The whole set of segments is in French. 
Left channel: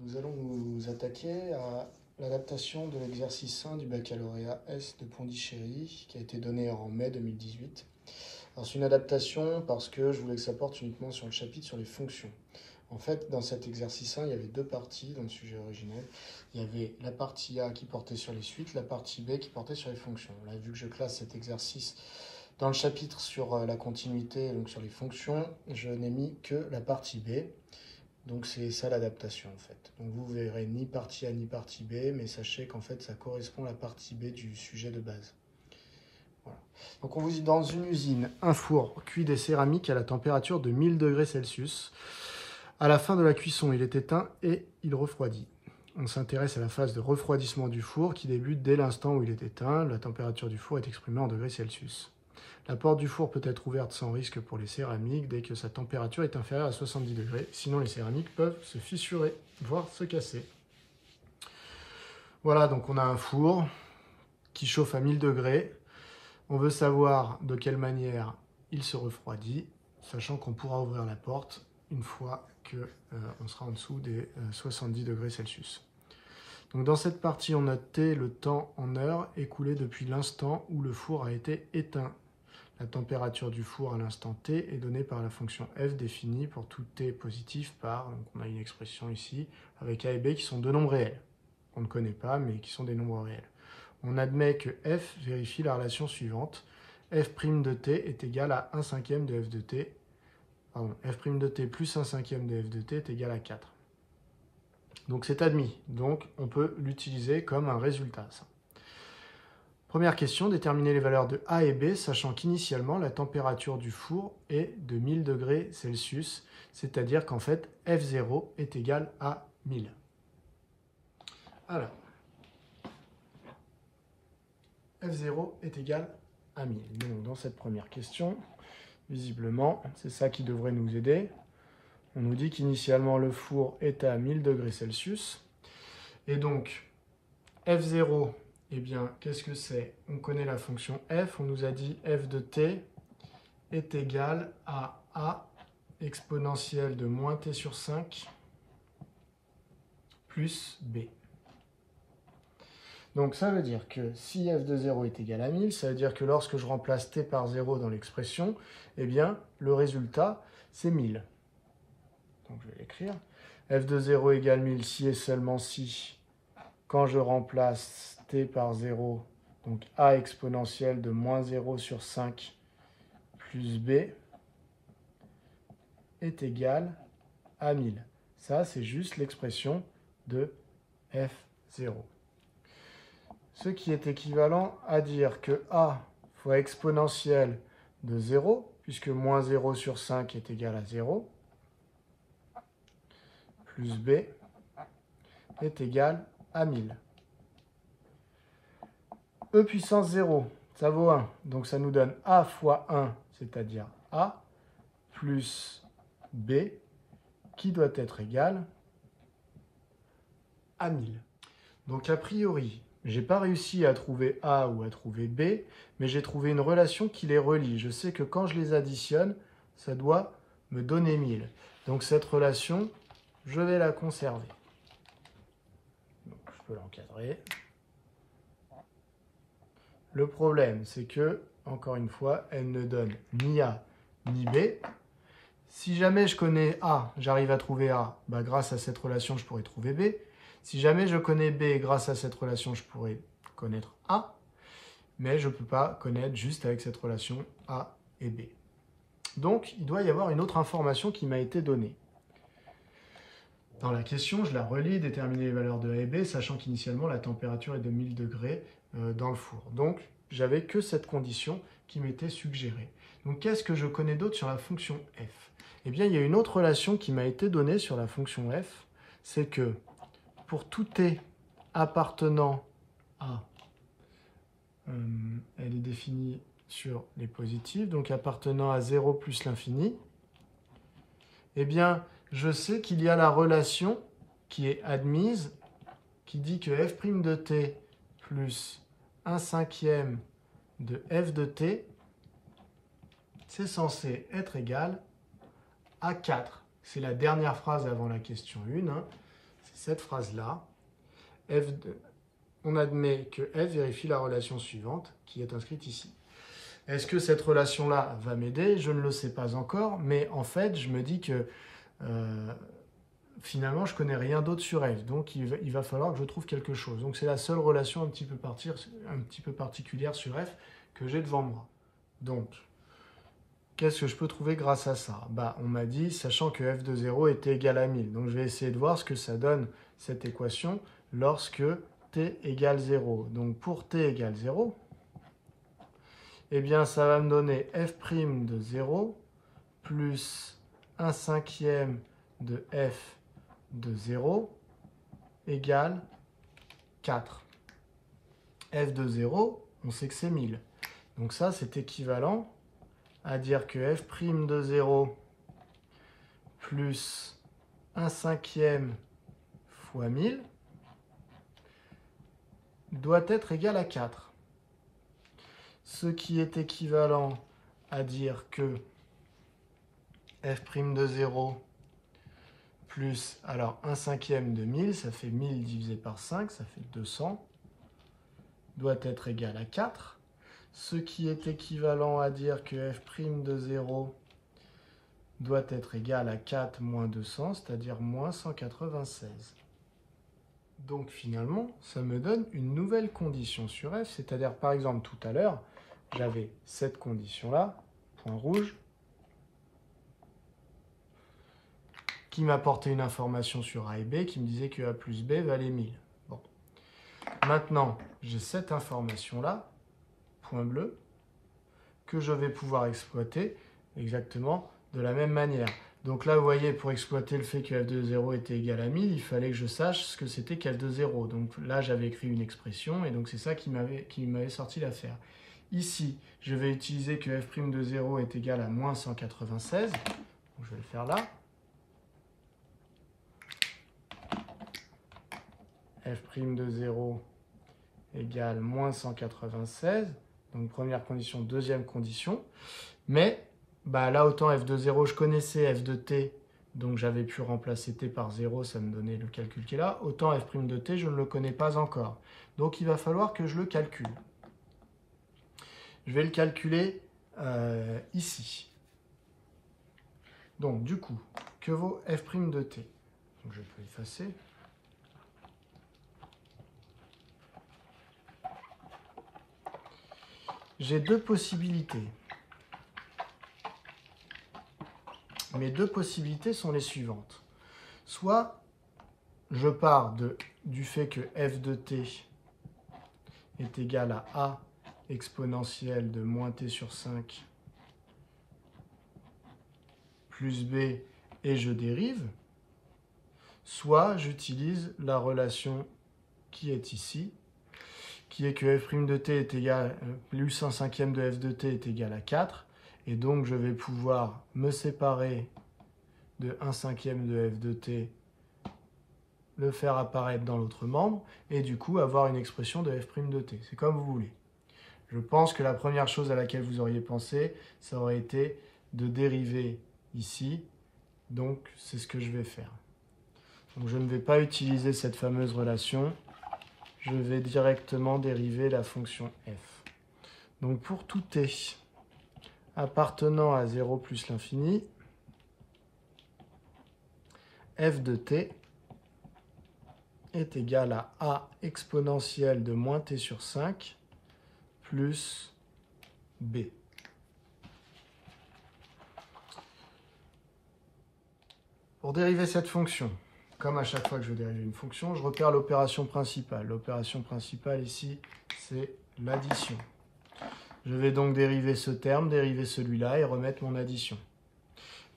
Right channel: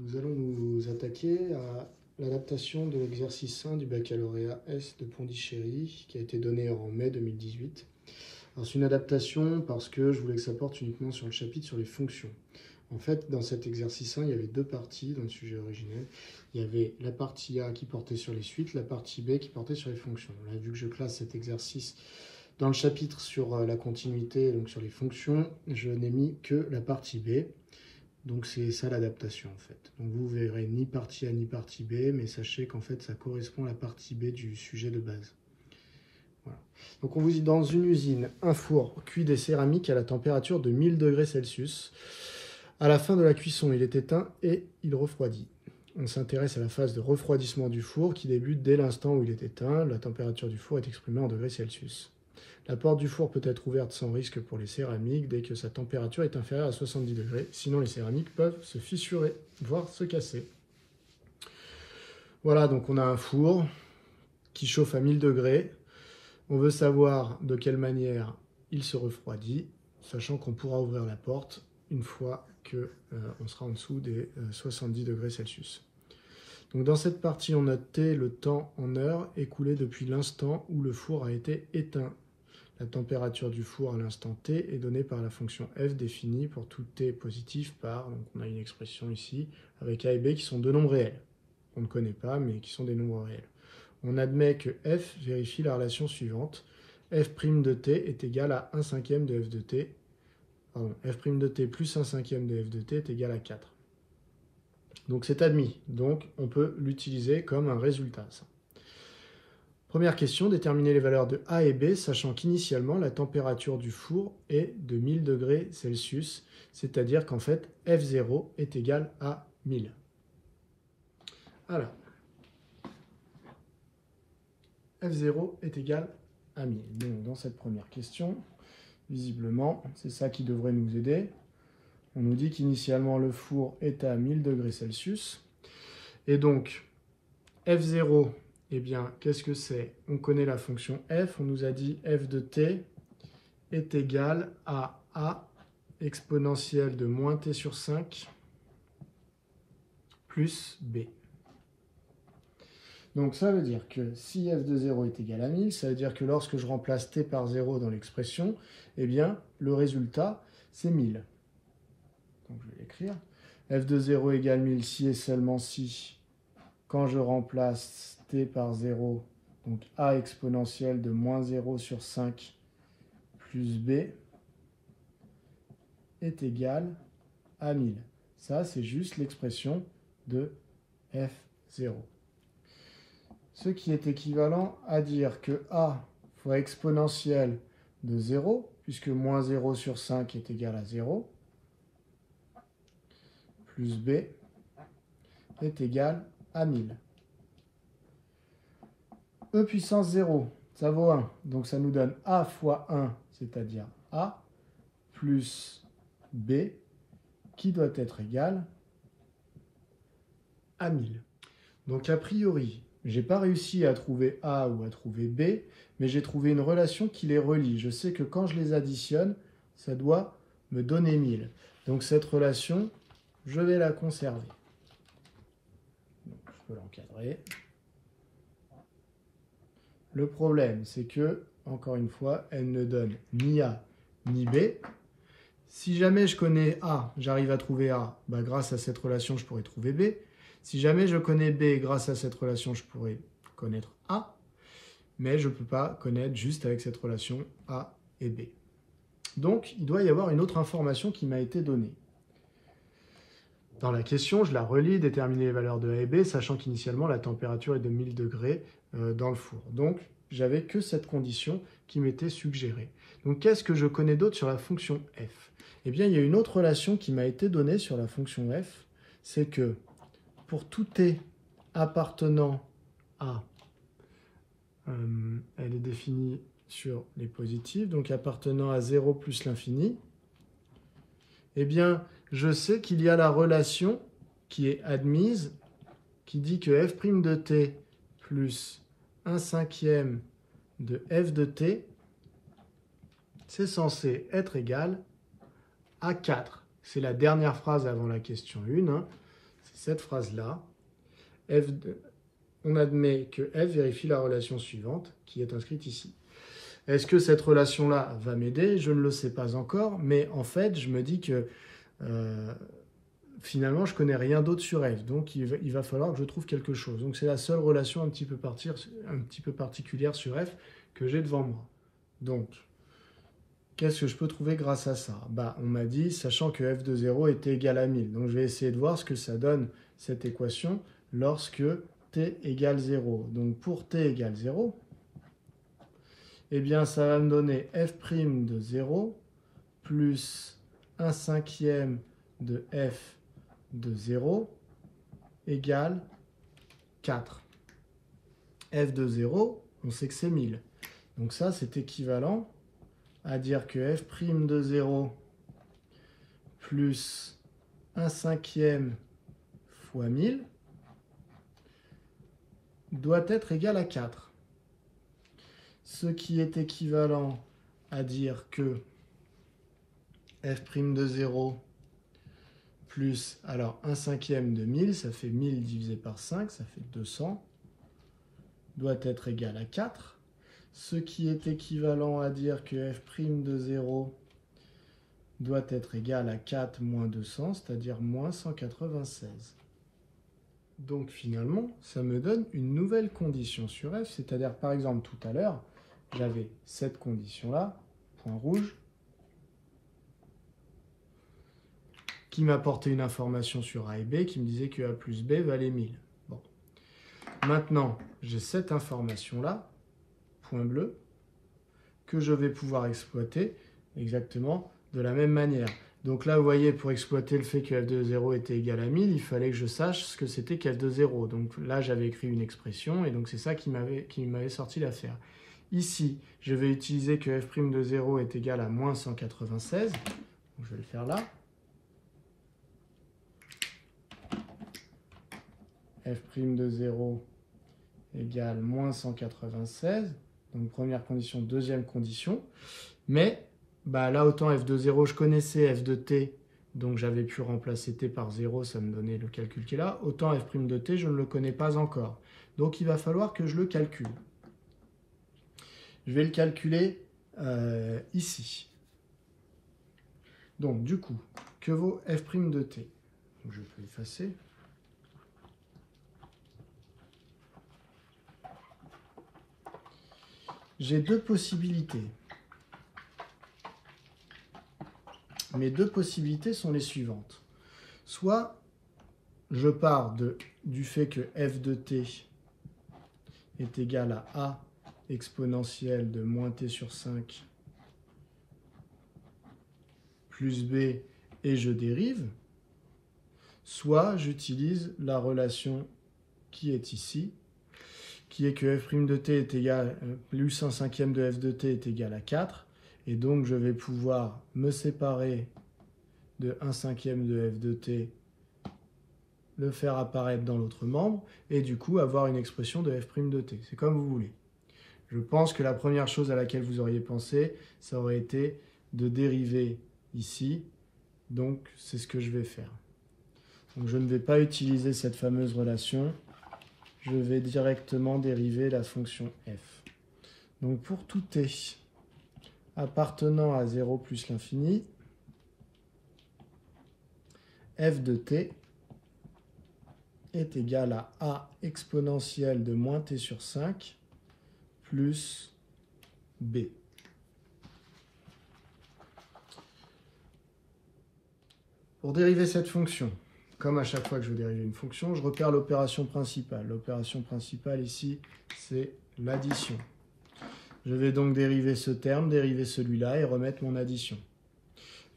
Nous allons nous attaquer à l'adaptation de l'exercice 1 du baccalauréat S de Pondichéry qui a été donné en mai 2018. Alors c'est une adaptation parce que je voulais que ça porte uniquement sur le chapitre sur les fonctions. En fait, dans cet exercice 1, il y avait deux parties dans le sujet originel. Il y avait la partie A qui portait sur les suites, la partie B qui portait sur les fonctions. Là, vu que je classe cet exercice dans le chapitre sur la continuité, donc sur les fonctions, je n'ai mis que la partie B. Donc c'est ça l'adaptation en fait. Donc vous verrez ni partie A ni partie B, mais sachez qu'en fait ça correspond à la partie B du sujet de base. Voilà. Donc on vous dit dans une usine, un four cuit des céramiques à la température de 1000 degrés Celsius. À la fin de la cuisson, il est éteint et il refroidit. On s'intéresse à la phase de refroidissement du four qui débute dès l'instant où il est éteint. La température du four est exprimée en degrés Celsius. La porte du four peut être ouverte sans risque pour les céramiques dès que sa température est inférieure à 70 degrés. Sinon, les céramiques peuvent se fissurer, voire se casser. Voilà, donc on a un four qui chauffe à 1000 degrés. On veut savoir de quelle manière il se refroidit, sachant qu'on pourra ouvrir la porte une fois qu'on sera en dessous des 70 degrés Celsius. Donc dans cette partie, on note T, le temps en heures écoulé depuis l'instant où le four a été éteint. La température du four à l'instant T est donnée par la fonction f définie pour tout T positif par, donc on a une expression ici, avec A et B qui sont deux nombres réels. On ne connaît pas, mais qui sont des nombres réels. On admet que f vérifie la relation suivante. f' de t est égal à 1/5 de f de t. Pardon, f' de t plus 1/5 de f de t est égal à 4. Donc c'est admis. Donc on peut l'utiliser comme un résultat, ça. Première question, déterminer les valeurs de A et B, sachant qu'initialement, la température du four est de 1000 degrés Celsius, c'est-à-dire qu'en fait, F0 est égal à 1000. Alors, F0 est égal à 1000. Donc, dans cette première question, visiblement, c'est ça qui devrait nous aider. On nous dit qu'initialement, le four est à 1000 degrés Celsius. Et donc, F0... eh bien, qu'est-ce que c'est? On connaît la fonction f, on nous a dit f de t est égal à a exponentielle de moins t sur 5 plus b. Donc ça veut dire que si f de 0 est égal à 1000, ça veut dire que lorsque je remplace t par 0 dans l'expression, eh bien, le résultat, c'est 1000. Donc je vais l'écrire. F de 0 égale 1000 si et seulement si, quand je remplace t par 0, donc a exponentielle de moins 0 sur 5 plus b est égal à 1000. Ça, c'est juste l'expression de f0. Ce qui est équivalent à dire que a fois exponentielle de 0, puisque moins 0 sur 5 est égal à 0, plus b est égal à 1000. E puissance 0, ça vaut 1. Donc ça nous donne A fois 1, c'est-à-dire A, plus B, qui doit être égal à 1000. Donc a priori, je n'ai pas réussi à trouver A ou à trouver B, mais j'ai trouvé une relation qui les relie. Je sais que quand je les additionne, ça doit me donner 1000. Donc cette relation, je vais la conserver. Donc, je peux l'encadrer. Le problème, c'est que, encore une fois, elle ne donne ni A ni B. Si jamais je connais A, j'arrive à trouver A, bah, grâce à cette relation, je pourrais trouver B. Si jamais je connais B, grâce à cette relation, je pourrais connaître A. Mais je ne peux pas connaître juste avec cette relation A et B. Donc, il doit y avoir une autre information qui m'a été donnée. Dans la question, je la relis, déterminer les valeurs de A et B, sachant qu'initialement, la température est de 1000 degrés dans le four. Donc, j'avais que cette condition qui m'était suggérée. Donc, qu'est-ce que je connais d'autre sur la fonction f? Eh bien, il y a une autre relation qui m'a été donnée sur la fonction f, c'est que pour tout t appartenant à, elle est définie sur les positifs, donc appartenant à 0 plus l'infini, eh bien, je sais qu'il y a la relation qui est admise, qui dit que f' de t plus 1/5 de f de t, c'est censé être égal à 4. C'est la dernière phrase avant la question 1. Hein. C'est cette phrase-là, on admet que f vérifie la relation suivante qui est inscrite ici. Est-ce que cette relation-là va m'aider? Je ne le sais pas encore, mais en fait, je me dis que finalement, je ne connais rien d'autre sur f, donc il va falloir que je trouve quelque chose. Donc c'est la seule relation un petit peu particulière sur f que j'ai devant moi. Donc, qu'est-ce que je peux trouver grâce à ça? On m'a dit, sachant que f de 0 était égal à 1000. Donc je vais essayer de voir ce que ça donne, cette équation, lorsque t égale 0. Donc pour t égale 0, eh bien ça va me donner f' de 0 plus 1/5 de f de 0 égale 4. f de 0, on sait que c'est 1000. Donc ça, c'est équivalent à dire que f' de 0 plus 1/5 fois 1000 doit être égal à 4. Ce qui est équivalent à dire que f' de 0 plus, alors 1/5 de 1000, ça fait 1000 divisé par 5, ça fait 200, doit être égal à 4. Ce qui est équivalent à dire que f' de 0 doit être égal à 4 moins 200, c'est-à-dire moins 196. Donc finalement, ça me donne une nouvelle condition sur f, c'est-à-dire par exemple tout à l'heure, j'avais cette condition-là, point rouge, qui m'apportait une information sur A et B qui me disait que A plus B valait 1000. Bon. Maintenant, j'ai cette information-là, point bleu, que je vais pouvoir exploiter exactement de la même manière. Donc là, vous voyez, pour exploiter le fait que f de 0 était égal à 1000, il fallait que je sache ce que c'était qu'f de 0. Donc là, j'avais écrit une expression, et donc c'est ça qui m'avait sorti l'affaire. Ici, je vais utiliser que f' de 0 est égal à moins 196. Donc je vais le faire là. f' de 0 égale moins 196. Donc première condition, deuxième condition. Mais là, autant f de 0, je connaissais f de t, donc j'avais pu remplacer t par 0, ça me donnait le calcul qui est là. Autant f' de t, je ne le connais pas encore. Donc il va falloir que je le calcule. Je vais le calculer ici. Donc du coup, que vaut f' de t? Donc, je peux effacer. J'ai deux possibilités. Mes deux possibilités sont les suivantes. Soit je pars du fait que f de t est égal à a exponentielle de moins t sur 5 plus b et je dérive, soit j'utilise la relation qui est ici, qui est que f' de t est égal à plus 1/5 de f de t est égal à 4, et donc je vais pouvoir me séparer de 1/5 de f de t, le faire apparaître dans l'autre membre, et du coup avoir une expression de f' de t. C'est comme vous voulez. Je pense que la première chose à laquelle vous auriez pensé, ça aurait été de dériver ici, donc c'est ce que je vais faire. Donc je ne vais pas utiliser cette fameuse relation, je vais directement dériver la fonction f. Donc pour tout t appartenant à 0 plus l'infini, f de t est égal à a exponentielle de moins t sur 5 plus b. Pour dériver cette fonction, comme à chaque fois que je veux dériver une fonction, je repère l'opération principale. L'opération principale ici, c'est l'addition. Je vais donc dériver ce terme, dériver celui-là et remettre mon addition.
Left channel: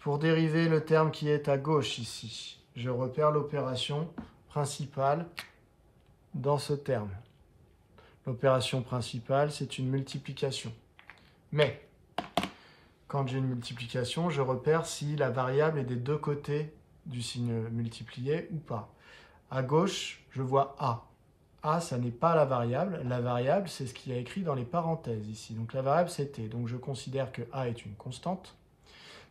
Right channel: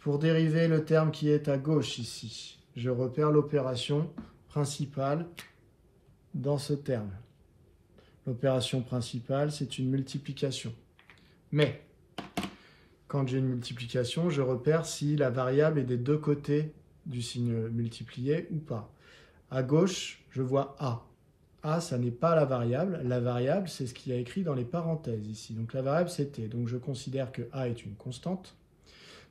Pour dériver le terme qui est à gauche ici, je repère l'opération principale dans ce terme. L'opération principale, c'est une multiplication. Mais, quand j'ai une multiplication, je repère si la variable est des deux côtés du signe multiplié ou pas. À gauche, je vois A. A, ça n'est pas la variable. La variable, c'est ce qu'il y a écrit dans les parenthèses ici. Donc la variable, c'est T. Donc je considère que A est une constante.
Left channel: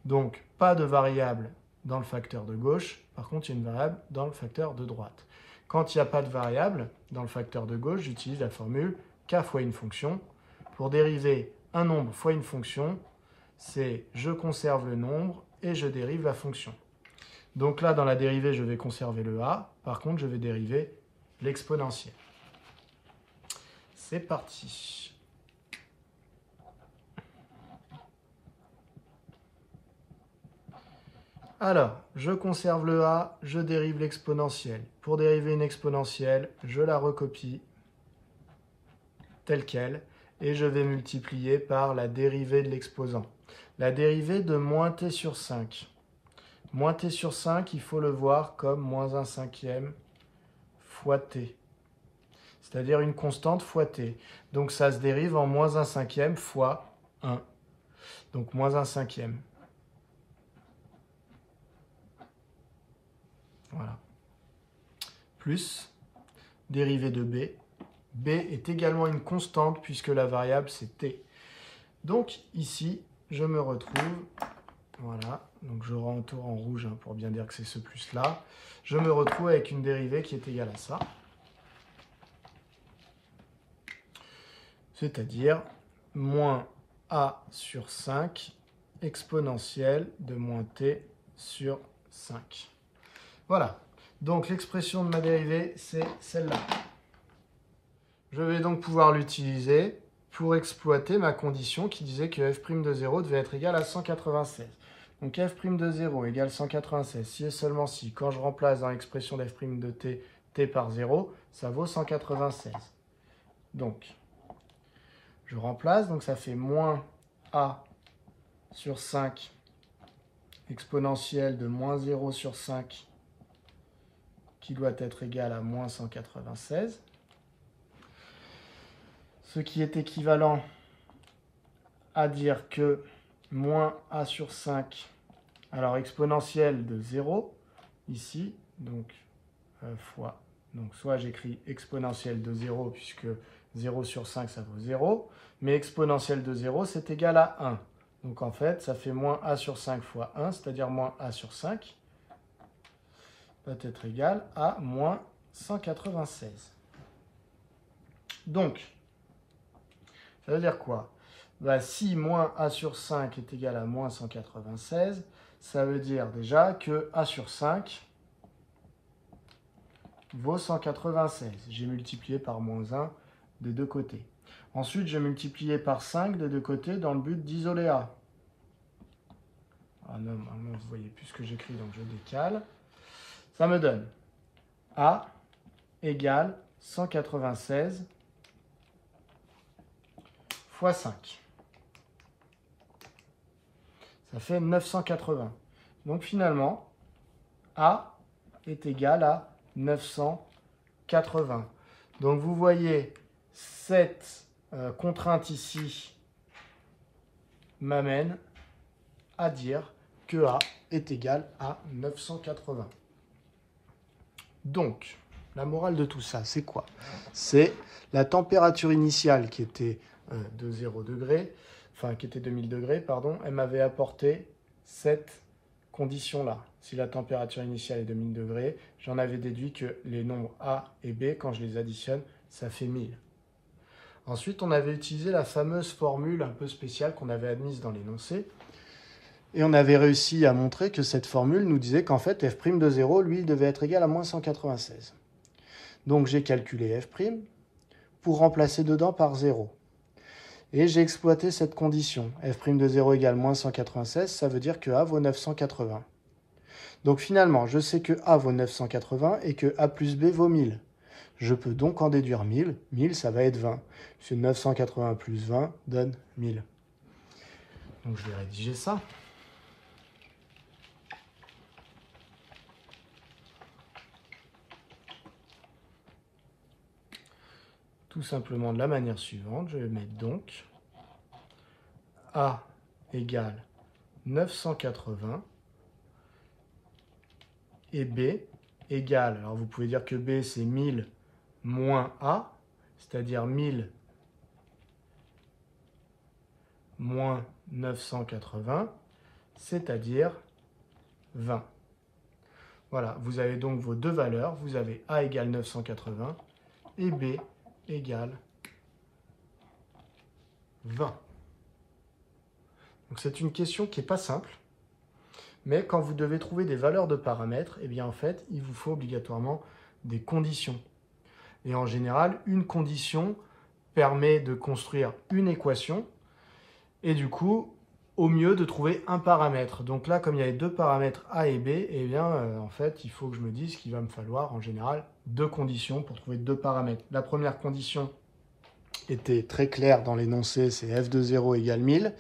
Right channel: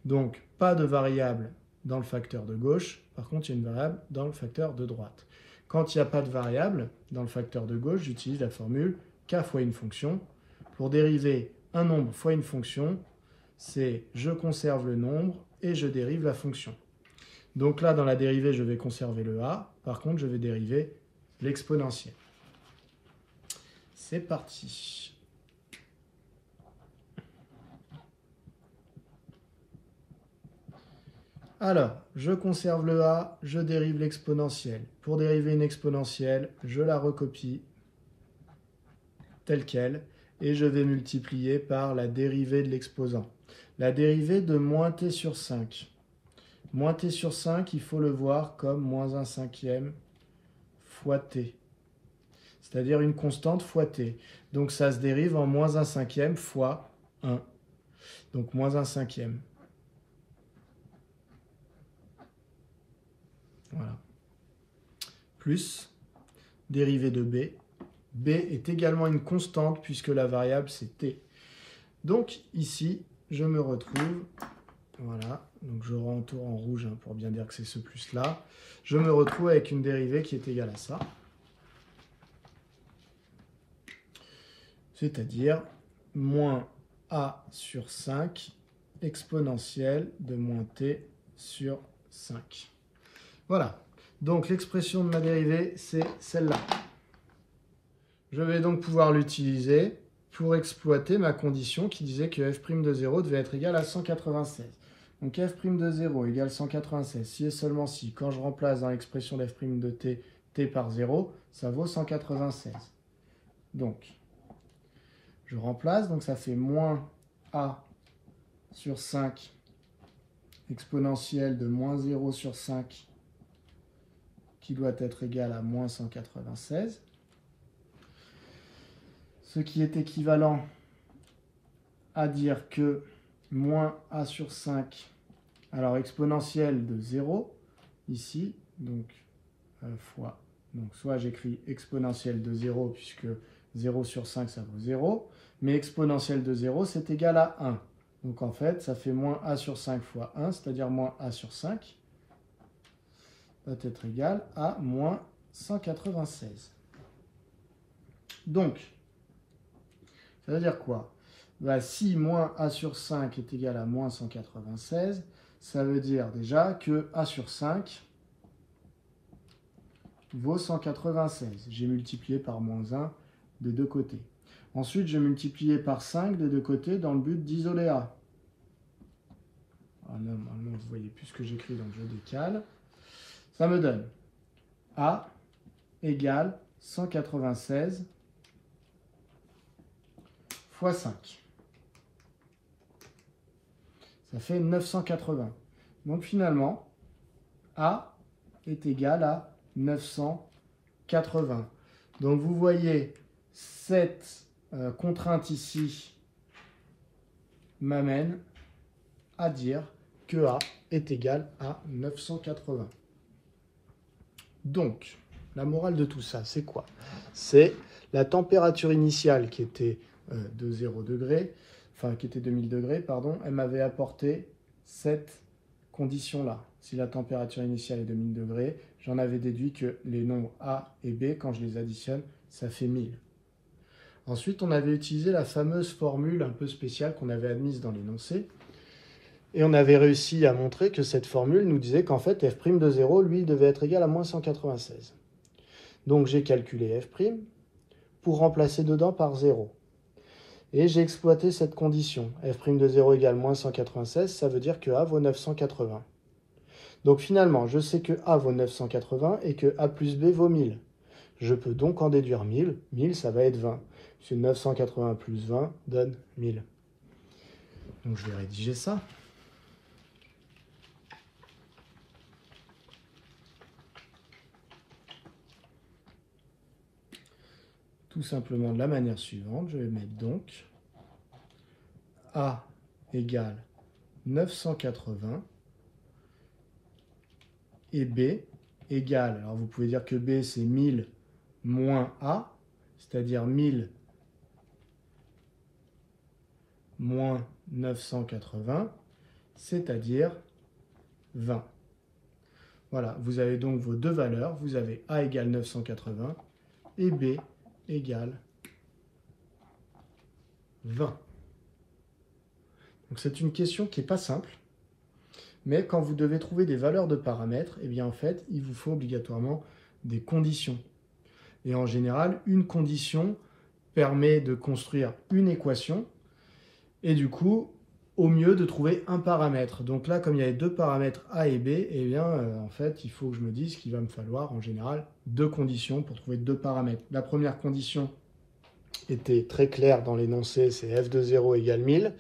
Donc pas de variable dans le facteur de gauche. Par contre, il y a une variable dans le facteur de droite. Quand il n'y a pas de variable dans le facteur de gauche, j'utilise la formule k fois une fonction. Pour dériver un nombre fois une fonction, c'est je conserve le nombre et je dérive la fonction. Donc là, dans la dérivée, je vais conserver le a. Par contre, je vais dériver l'exponentielle. C'est parti. Alors, je conserve le a, je dérive l'exponentielle. Pour dériver une exponentielle, je la recopie telle qu'elle et je vais multiplier par la dérivée de l'exposant. La dérivée de moins t sur 5. Moins t sur 5, il faut le voir comme moins 1 cinquième fois t. C'est-à-dire une constante fois t. Donc ça se dérive en moins 1 cinquième fois 1. Donc moins 1 cinquième. Voilà. Plus dérivée de b. B est également une constante puisque la variable c'est t. Donc ici, je me retrouve, voilà, donc je rentourne en rouge pour bien dire que c'est ce plus-là. Je me retrouve avec une dérivée qui est égale à ça. C'est-à-dire moins a sur 5 exponentielle de moins t sur 5. Voilà, donc l'expression de ma dérivée, c'est celle-là. Je vais donc pouvoir l'utiliser pour exploiter ma condition qui disait que f' de 0 devait être égal à 196. Donc f' de 0 égale 196, si et seulement si, quand je remplace dans l'expression d'f' de t, t par 0, ça vaut 196. Donc, je remplace, donc ça fait moins a sur 5 exponentielle de moins 0 sur 5 qui doit être égal à moins 196. Ce qui est équivalent à dire que moins a sur 5, alors exponentielle de 0, ici, donc fois, donc soit j'écris exponentielle de 0, puisque 0 sur 5, ça vaut 0, mais exponentielle de 0, c'est égal à 1. Donc en fait, ça fait moins a sur 5 fois 1, c'est-à-dire moins a sur 5, va être égal à moins 196. Donc, ça veut dire quoi? Bah, si moins a sur 5 est égal à moins 196, ça veut dire déjà que a sur 5 vaut 196. J'ai multiplié par moins 1 des deux côtés. Ensuite, j'ai multiplié par 5 des deux côtés dans le but d'isoler a. Ah non, vous ne voyez plus ce que j'écris, donc je décale. Ça me donne a égale 196 fois 5. Ça fait 980. Donc finalement, a est égal à 980. Donc vous voyez, cette contrainte ici m'amène à dire que a est égal à 980. Donc, la morale de tout ça, c'est quoi? C'est la température initiale qui était de 0 degré, enfin qui était de 1000 degrés, pardon, elle m'avait apporté cette condition-là. Si la température initiale est de 1000 degrés, j'en avais déduit que les nombres A et B, quand je les additionne, ça fait 1000. Ensuite, on avait utilisé la fameuse formule un peu spéciale qu'on avait admise dans l'énoncé, et on avait réussi à montrer que cette formule nous disait qu'en fait, f' de 0, lui, devait être égal à moins 196. Donc j'ai calculé f' pour remplacer dedans par 0. Et j'ai exploité cette condition. F' de 0 égale moins 196, ça veut dire que A vaut 980. Donc finalement, je sais que A vaut 980 et que A plus B vaut 1000. Je peux donc en déduire 1000. 1000, ça va être 20. Puisque 980 plus 20 donne 1000. Donc je vais rédiger ça. Tout simplement de la manière suivante, je vais mettre donc A égale 980 et B égale, alors vous pouvez dire que B c'est 1000 moins A, c'est-à-dire 1000 moins 980, c'est-à-dire 20. Voilà, vous avez donc vos deux valeurs. Vous avez A égale 980 et B égale 20. Donc c'est une question qui n'est pas simple, mais quand vous devez trouver des valeurs de paramètres, eh bien en fait, il vous faut obligatoirement des conditions. Et en général, une condition permet de construire une équation et du coup, au mieux de trouver un paramètre. Donc là, comme il y a deux paramètres A et B, eh bien en fait, il faut que je me dise qu'il va me falloir en général deux conditions pour trouver deux paramètres. La première condition était très claire dans l'énoncé, c'est f de 0 égale 1000.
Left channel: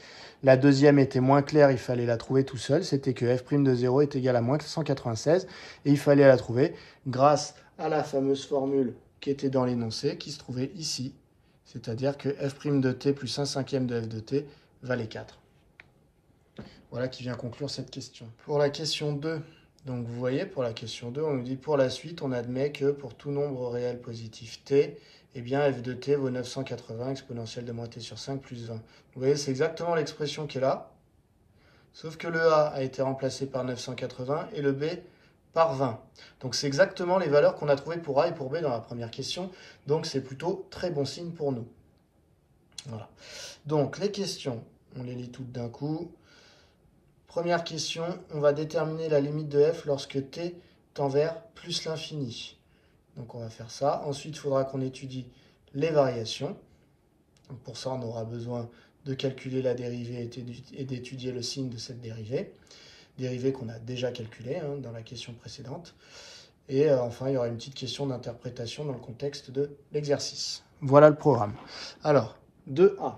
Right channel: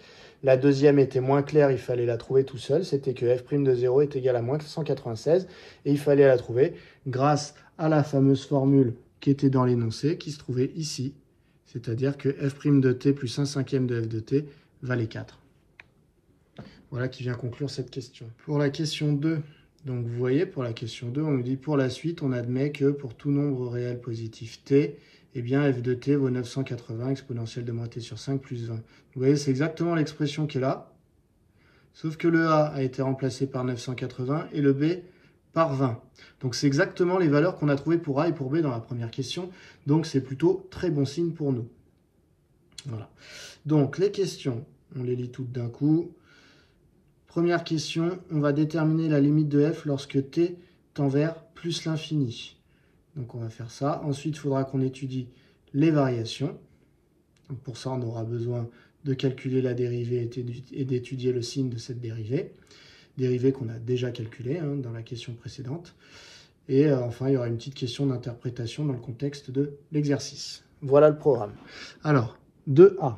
La deuxième était moins claire, il fallait la trouver tout seul, c'était que f' de 0 est égal à moins 196, et il fallait la trouver grâce à la fameuse formule qui était dans l'énoncé, qui se trouvait ici, c'est-à-dire que f' de t plus 1/5 de f de t valait 4. Voilà qui vient conclure cette question. Pour la question 2, donc vous voyez, pour la question 2, on nous dit pour la suite, on admet que pour tout nombre réel positif t, eh bien f de t vaut 980 exponentielle de moins t sur 5 plus 20. Vous voyez, c'est exactement l'expression qui est là, sauf que le a été remplacé par 980 et le b par 20. Donc c'est exactement les valeurs qu'on a trouvées pour a et pour b dans la première question, donc c'est plutôt très bon signe pour nous. Voilà. Donc les questions, on les lit toutes d'un coup. Première question, on va déterminer la limite de f lorsque t tend vers plus l'infini. Donc on va faire ça. Ensuite, il faudra qu'on étudie les variations. Donc pour ça, on aura besoin de calculer la dérivée et d'étudier le signe de cette dérivée. Dérivée qu'on a déjà calculée dans la question précédente. Et enfin, il y aura une petite question d'interprétation dans le contexte de l'exercice. Voilà le programme. Alors, 2A.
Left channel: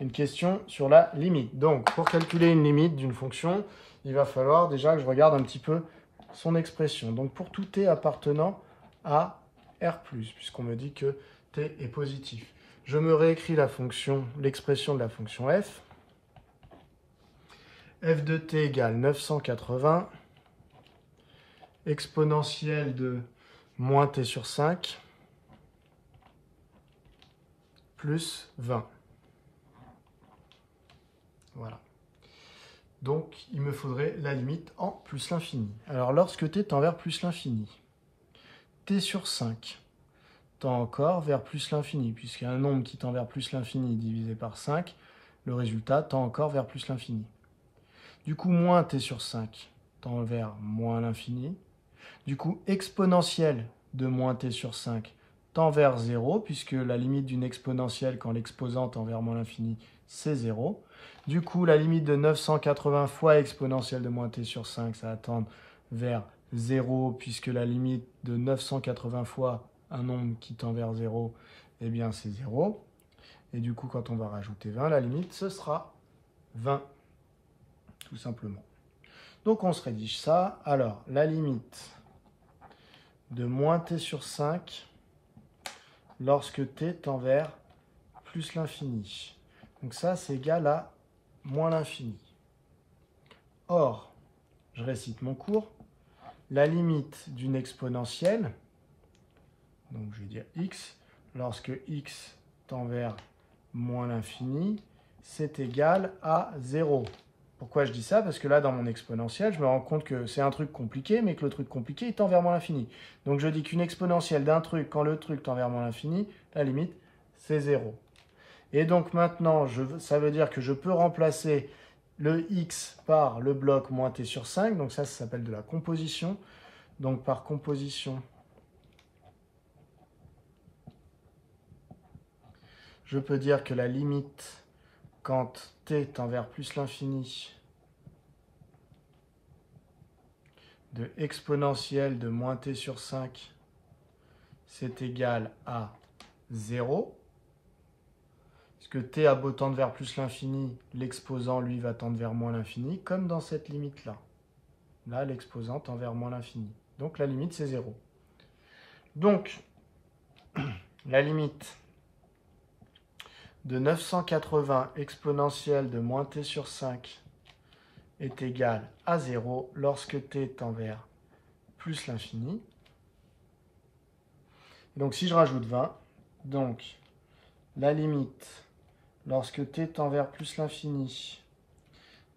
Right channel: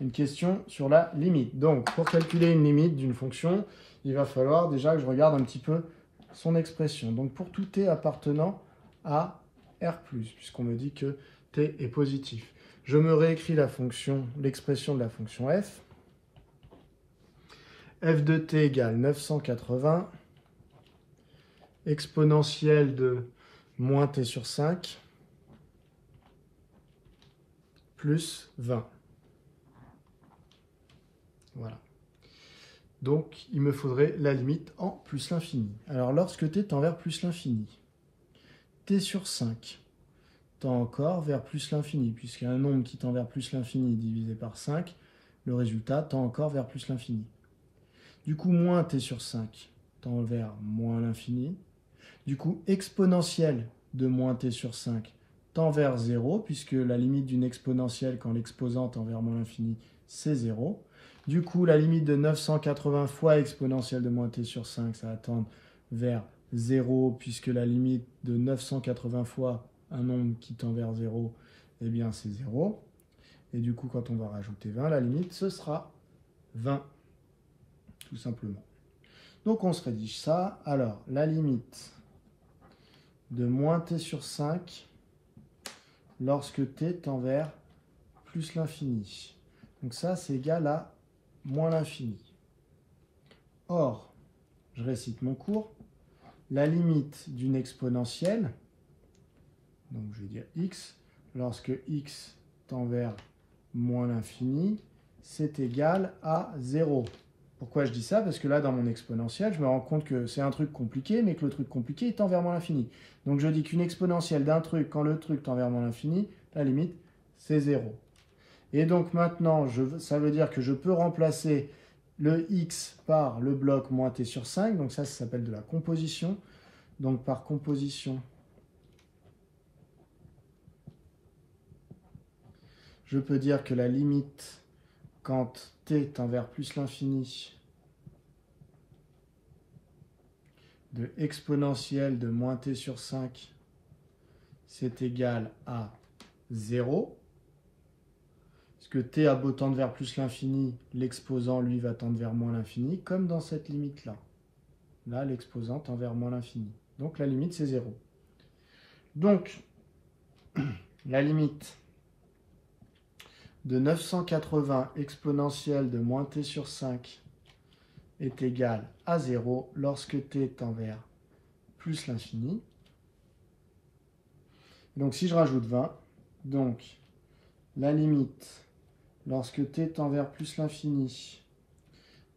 Une question sur la limite. Donc, pour calculer une limite d'une fonction, il va falloir déjà que je regarde un petit peu son expression. Donc, pour tout t appartenant à R+, puisqu'on me dit que t est positif. Je me réécris la fonction, l'expression de la fonction f. F de t égale 980, exponentielle de moins t sur 5, plus 20. Voilà. Donc, il me faudrait la limite en plus l'infini. Alors, lorsque t tend vers plus l'infini, t sur 5 tend encore vers plus l'infini, puisqu'il y a un nombre qui tend vers plus l'infini divisé par 5, le résultat tend encore vers plus l'infini. Du coup, moins t sur 5 tend vers moins l'infini. Du coup, exponentielle de moins t sur 5 tend vers 0, puisque la limite d'une exponentielle quand l'exposant tend vers moins l'infini, c'est 0. Du coup, la limite de 980 fois exponentielle de moins t sur 5, ça va tendre vers 0, puisque la limite de 980 fois un nombre qui tend vers 0, eh bien c'est 0. Et du coup, quand on va rajouter 20, la limite, ce sera 20, tout simplement. Donc on se rédige ça. Alors, la limite de moins t sur 5 lorsque t tend vers plus l'infini. Donc ça, c'est égal à moins l'infini. Or, je récite mon cours, la limite d'une exponentielle, donc je vais dire x, lorsque x tend vers moins l'infini, c'est égal à 0. Pourquoi je dis ça? Parce que là, dans mon exponentielle, je me rends compte que c'est un truc compliqué, mais que le truc compliqué, il tend vers moins l'infini. Donc je dis qu'une exponentielle d'un truc, quand le truc tend vers moins l'infini, la limite, c'est 0. Et donc maintenant, ça veut dire que je peux remplacer le x par le bloc moins t sur 5. Donc ça s'appelle de la composition. Donc par composition, je peux dire que la limite, quand t tend vers plus l'infini, de exponentielle de moins t sur 5, c'est égal à 0. Parce que t a beau tendre vers plus l'infini, l'exposant, lui, va tendre vers moins l'infini, comme dans cette limite-là. Là, l'exposant tend vers moins l'infini. Donc, la limite, c'est 0. Donc, la limite de 980 exponentielle de moins t sur 5 est égale à 0 lorsque t tend vers plus l'infini. Donc, si je rajoute 20, donc, la limite lorsque t tend vers plus l'infini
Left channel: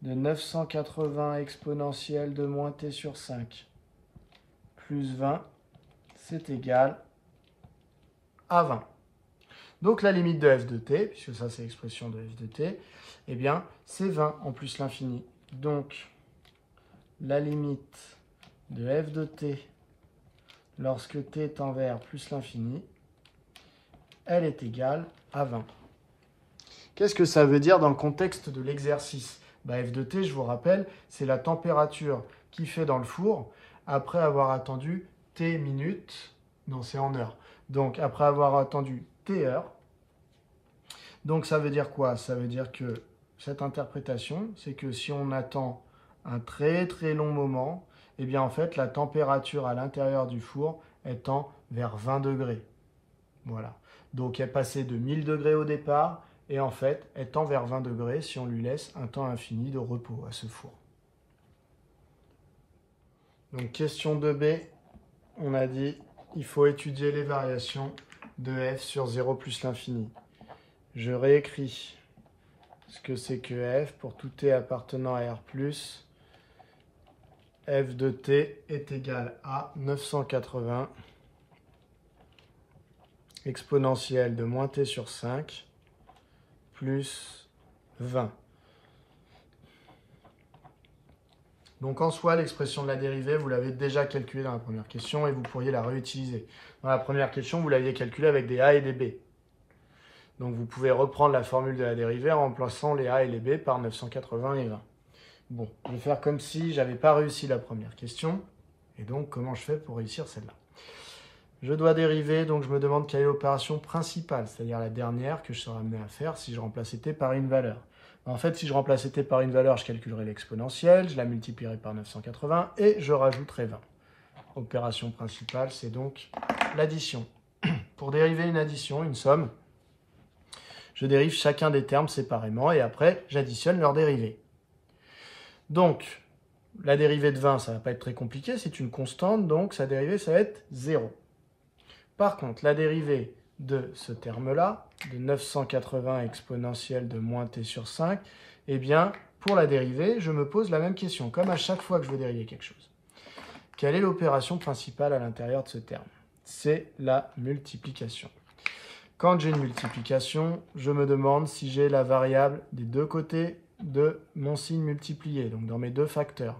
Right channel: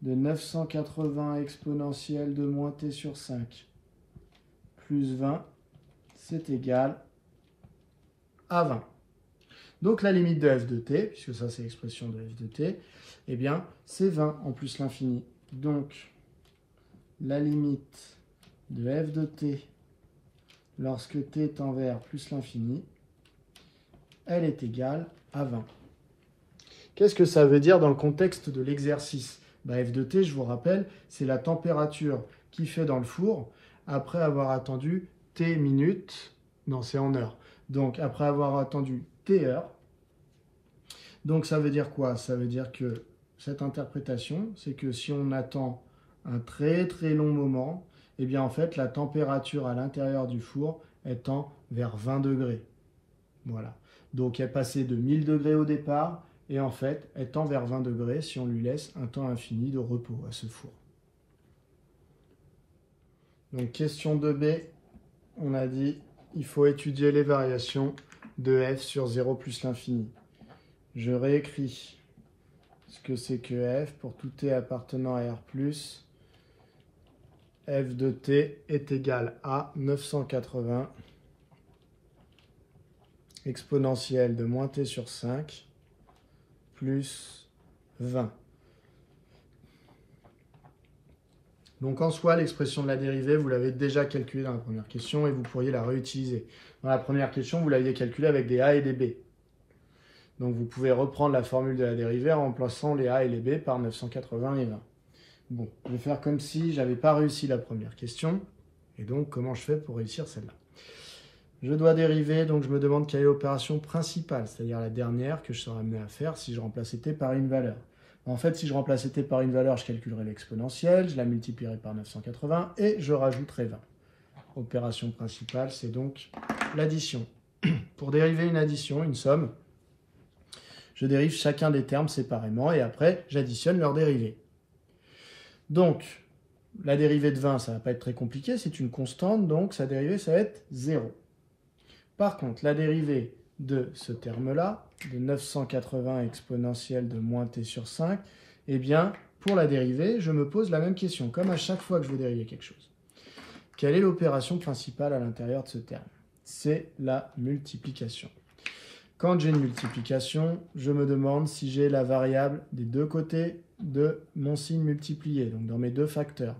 de 980 exponentielle de moins t sur 5 plus 20, c'est égal à 20. Donc la limite de f de t, puisque ça c'est l'expression de f de t, eh bien c'est 20 en plus l'infini. Donc la limite de f de t lorsque t tend vers plus l'infini, elle est égale à 20. Qu'est-ce que ça veut dire dans le contexte de l'exercice? F de t, je vous rappelle, c'est la température qui fait dans le four après avoir attendu t minutes, non c'est en heures, donc après avoir attendu t heures. Donc ça veut dire quoi? Ça veut dire que cette interprétation, c'est que si on attend un très très long moment, eh bien en fait la température à l'intérieur du four elle tend vers 20 degrés. Voilà. Donc elle passait de 1000 degrés au départ, et en fait elle tend vers 20 degrés si on lui laisse un temps infini de repos à ce four. Donc question 2b, on a dit il faut étudier les variations de f sur 0 plus l'infini. Je réécris ce que c'est que f pour tout t appartenant à R+, f de t est égal à 980 exponentielle de moins t sur 5 plus 20. Donc en soi, l'expression de la dérivée, vous l'avez déjà calculée dans la première question et vous pourriez la réutiliser. Dans la première question, vous l'aviez calculée avec des a et des b. Donc vous pouvez reprendre la formule de la dérivée en remplaçant les a et les b par 980 et 20. Bon, je vais faire comme si j'avais pas réussi la première question. Et donc, comment je fais pour réussir celle-là? Je dois dériver, donc je me demande quelle est l'opération principale, c'est-à-dire la dernière que je serais amené à faire si je remplaçais t par une valeur. En fait, si je remplaçais t par une valeur, je calculerais l'exponentielle, je la multiplierais par 980 et je rajouterais 20. Opération principale, c'est donc l'addition. Pour dériver une addition, une somme, je dérive chacun des termes séparément et après, j'additionne leurs dérivés. Donc, la dérivée de 20, ça ne va pas être très compliqué, c'est une constante, donc sa dérivée, ça va être 0. Par contre, la dérivée de ce terme-là, de 980 exponentielle de moins t sur 5, eh bien, pour la dérivée, je me pose la même question, comme à chaque fois que je veux dériver quelque chose. Quelle est l'opération principale à l'intérieur de ce terme? C'est la multiplication. Quand j'ai une multiplication, je me demande si j'ai la variable des deux côtés de mon signe multiplié, donc dans mes deux facteurs.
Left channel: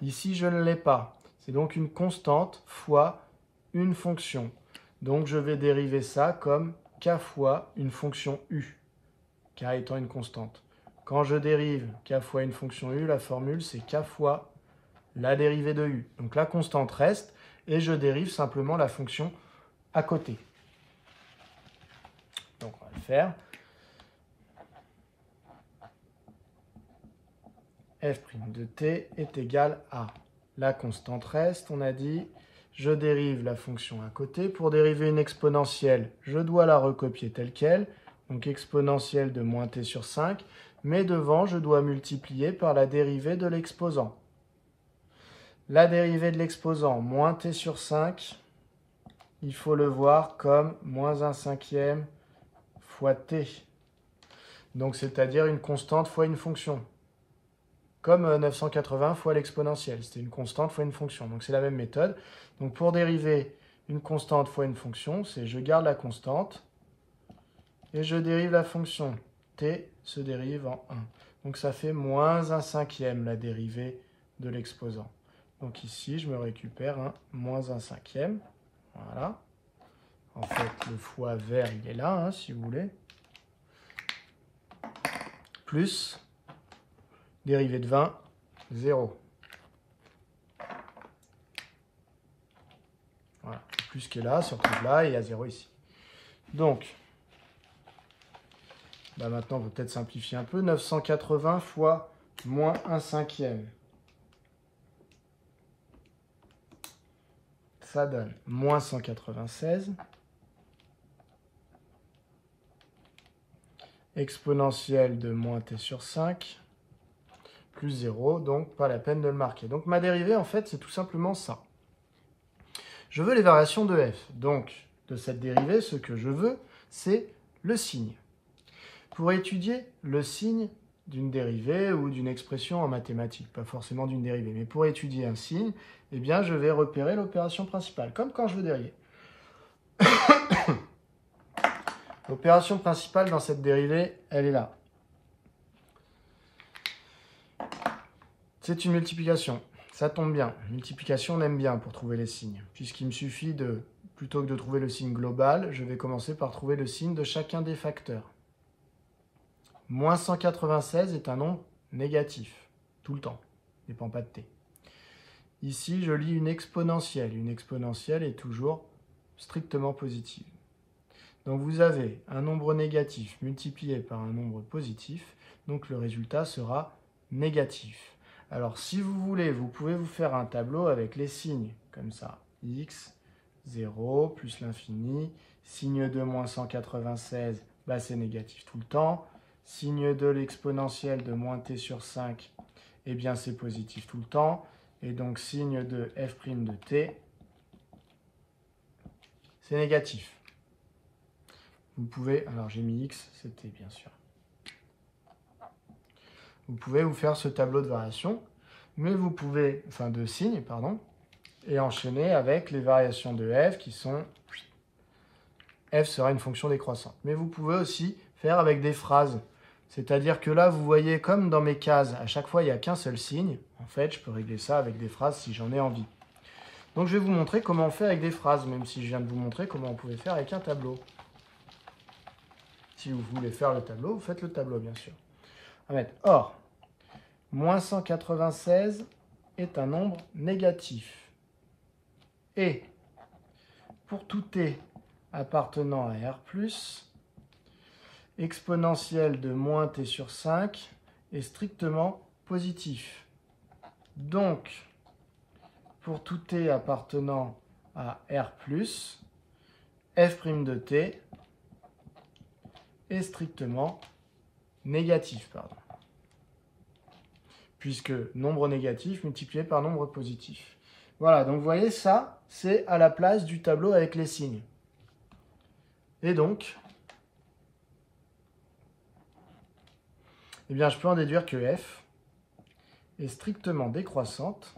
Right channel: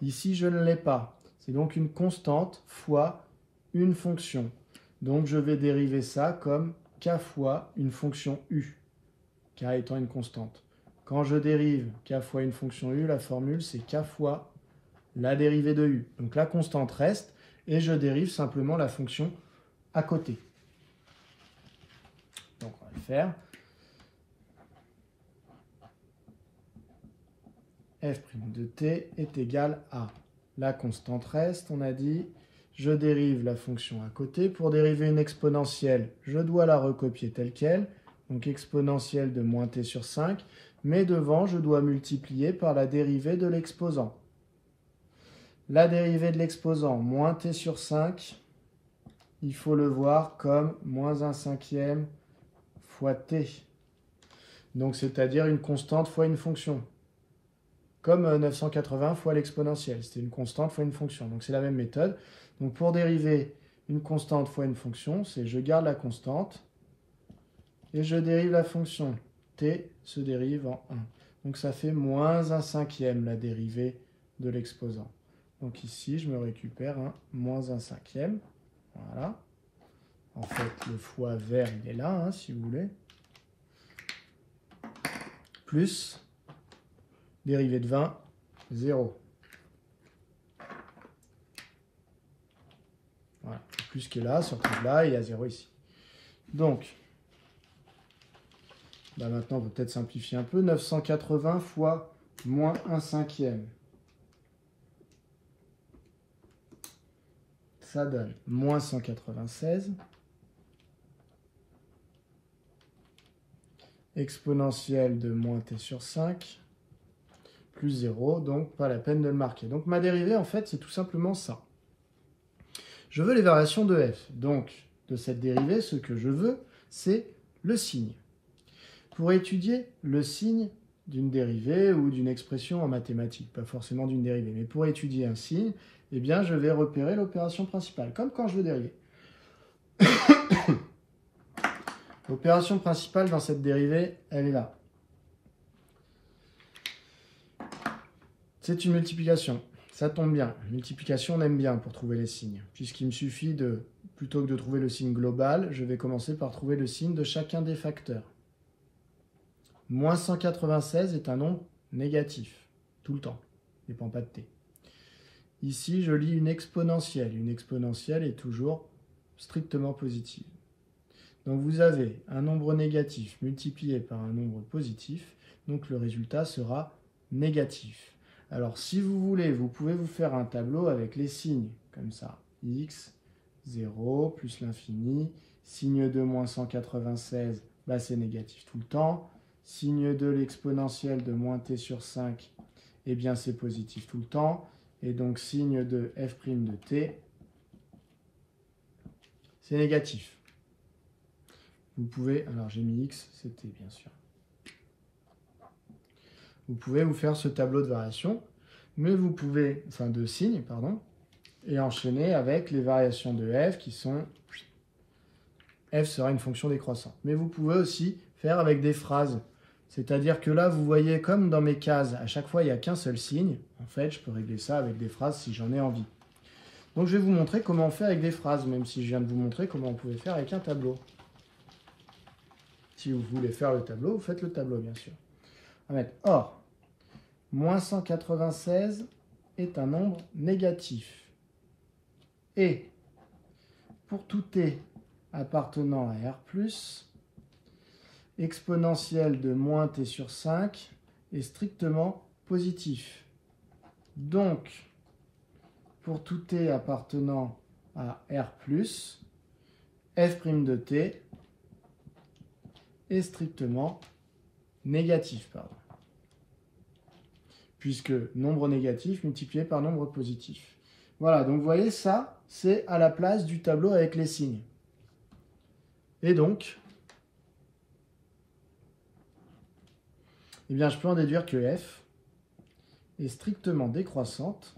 Ici, je ne l'ai pas. C'est donc une constante fois une fonction. Donc, je vais dériver ça comme k fois une fonction u, k étant une constante. Quand je dérive k fois une fonction u, la formule, c'est k fois la dérivée de u. Donc, la constante reste et je dérive simplement la fonction à côté. Donc, on va le faire. f' de t est égal à la constante reste, on a dit, je dérive la fonction à côté. Pour dériver une exponentielle, je dois la recopier telle qu'elle, donc exponentielle de moins t sur 5, mais devant, je dois multiplier par la dérivée de l'exposant. La dérivée de l'exposant, moins t sur 5, il faut le voir comme moins 1/5 fois t. Donc, c'est-à-dire une constante fois une fonction. Comme 980 fois l'exponentielle. C'était une constante fois une fonction. Donc, c'est la même méthode. Donc, pour dériver une constante fois une fonction, c'est je garde la constante et je dérive la fonction. T se dérive en 1. Donc, ça fait moins 1/5 la dérivée de l'exposant. Donc, ici, je me récupère un moins 1/5. Voilà. En fait, le fois vert, il est là, hein, si vous voulez. Plus dérivée de 20, 0. Voilà. Le plus qui est là se retrouve là et il y a 0 ici. Donc, maintenant, on peut peut-être simplifier un peu. 980 fois moins 1/5. Ça donne moins 196. Exponentielle de moins t sur 5. Plus 0, donc pas la peine de le marquer. Donc ma dérivée, en fait, c'est tout simplement ça. Je veux les variations de f. Donc, de cette dérivée, ce que je veux, c'est le signe. Pour étudier le signe d'une dérivée ou d'une expression en mathématiques, pas forcément d'une dérivée. Mais pour étudier un signe, eh bien, je vais repérer l'opération principale, comme quand je veux dériver. L'opération principale dans cette dérivée, elle est là. C'est une multiplication. Ça tombe bien. Multiplication, on aime bien pour trouver les signes, puisqu'il me suffit de, plutôt que de trouver le signe global, je vais commencer par trouver le signe de chacun des facteurs. Moins 196 est un nombre négatif, tout le temps, ne dépend pas de t. Ici, je lis une exponentielle. Une exponentielle est toujours strictement positive. Donc vous avez un nombre négatif multiplié par un nombre positif, donc le résultat sera négatif. Alors si vous voulez, vous pouvez vous faire un tableau avec les signes, comme ça, x, 0, plus l'infini, signe de moins 196, bah c'est négatif tout le temps, signe de l'exponentielle de moins t sur 5, eh bien c'est positif tout le temps, et donc signe de f' de t, c'est négatif. Vous pouvez, alors j'ai mis x, c'était bien sûr. Vous pouvez vous faire ce tableau de variation, mais vous pouvez, enfin de signes, pardon, et enchaîner avec les variations de f qui sont, f sera une fonction décroissante. Mais vous pouvez aussi faire avec des phrases, c'est-à-dire que là, vous voyez comme dans mes cases, à chaque fois il n'y a qu'un seul signe, en fait je peux régler ça avec des phrases si j'en ai envie. Donc je vais vous montrer comment on fait avec des phrases, même si je viens de vous montrer comment on pouvait faire avec un tableau. Si vous voulez faire le tableau, vous faites le tableau, bien sûr. On va mettre or, moins 196 est un nombre négatif. Et pour tout t appartenant à R+, exponentielle de moins t sur 5 est strictement positif. Donc, pour tout t appartenant à R+, f' de t est strictement négatif, pardon. Puisque nombre négatif multiplié par nombre positif. Voilà, donc vous voyez, ça, c'est à la place du tableau avec les signes. Et donc, eh bien, je peux en déduire que f est strictement décroissante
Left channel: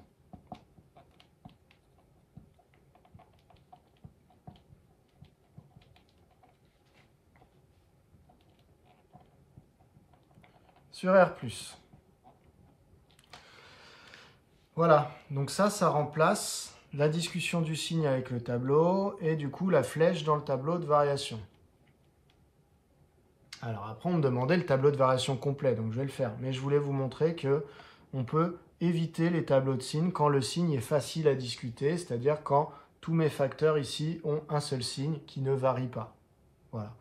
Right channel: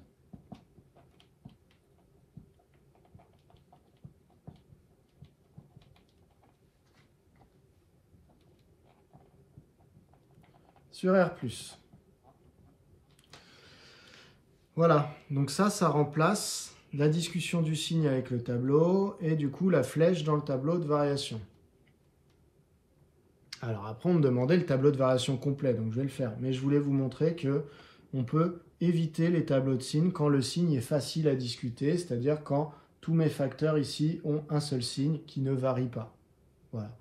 sur R+. Voilà, donc ça remplace la discussion du signe avec le tableau et du coup la flèche dans le tableau de variation. Alors après, on me demandait le tableau de variation complet, donc je vais le faire. Mais je voulais vous montrer que on peut éviter les tableaux de signes quand le signe est facile à discuter, c'est-à-dire quand tous mes facteurs ici ont un seul signe qui ne varie pas. Voilà.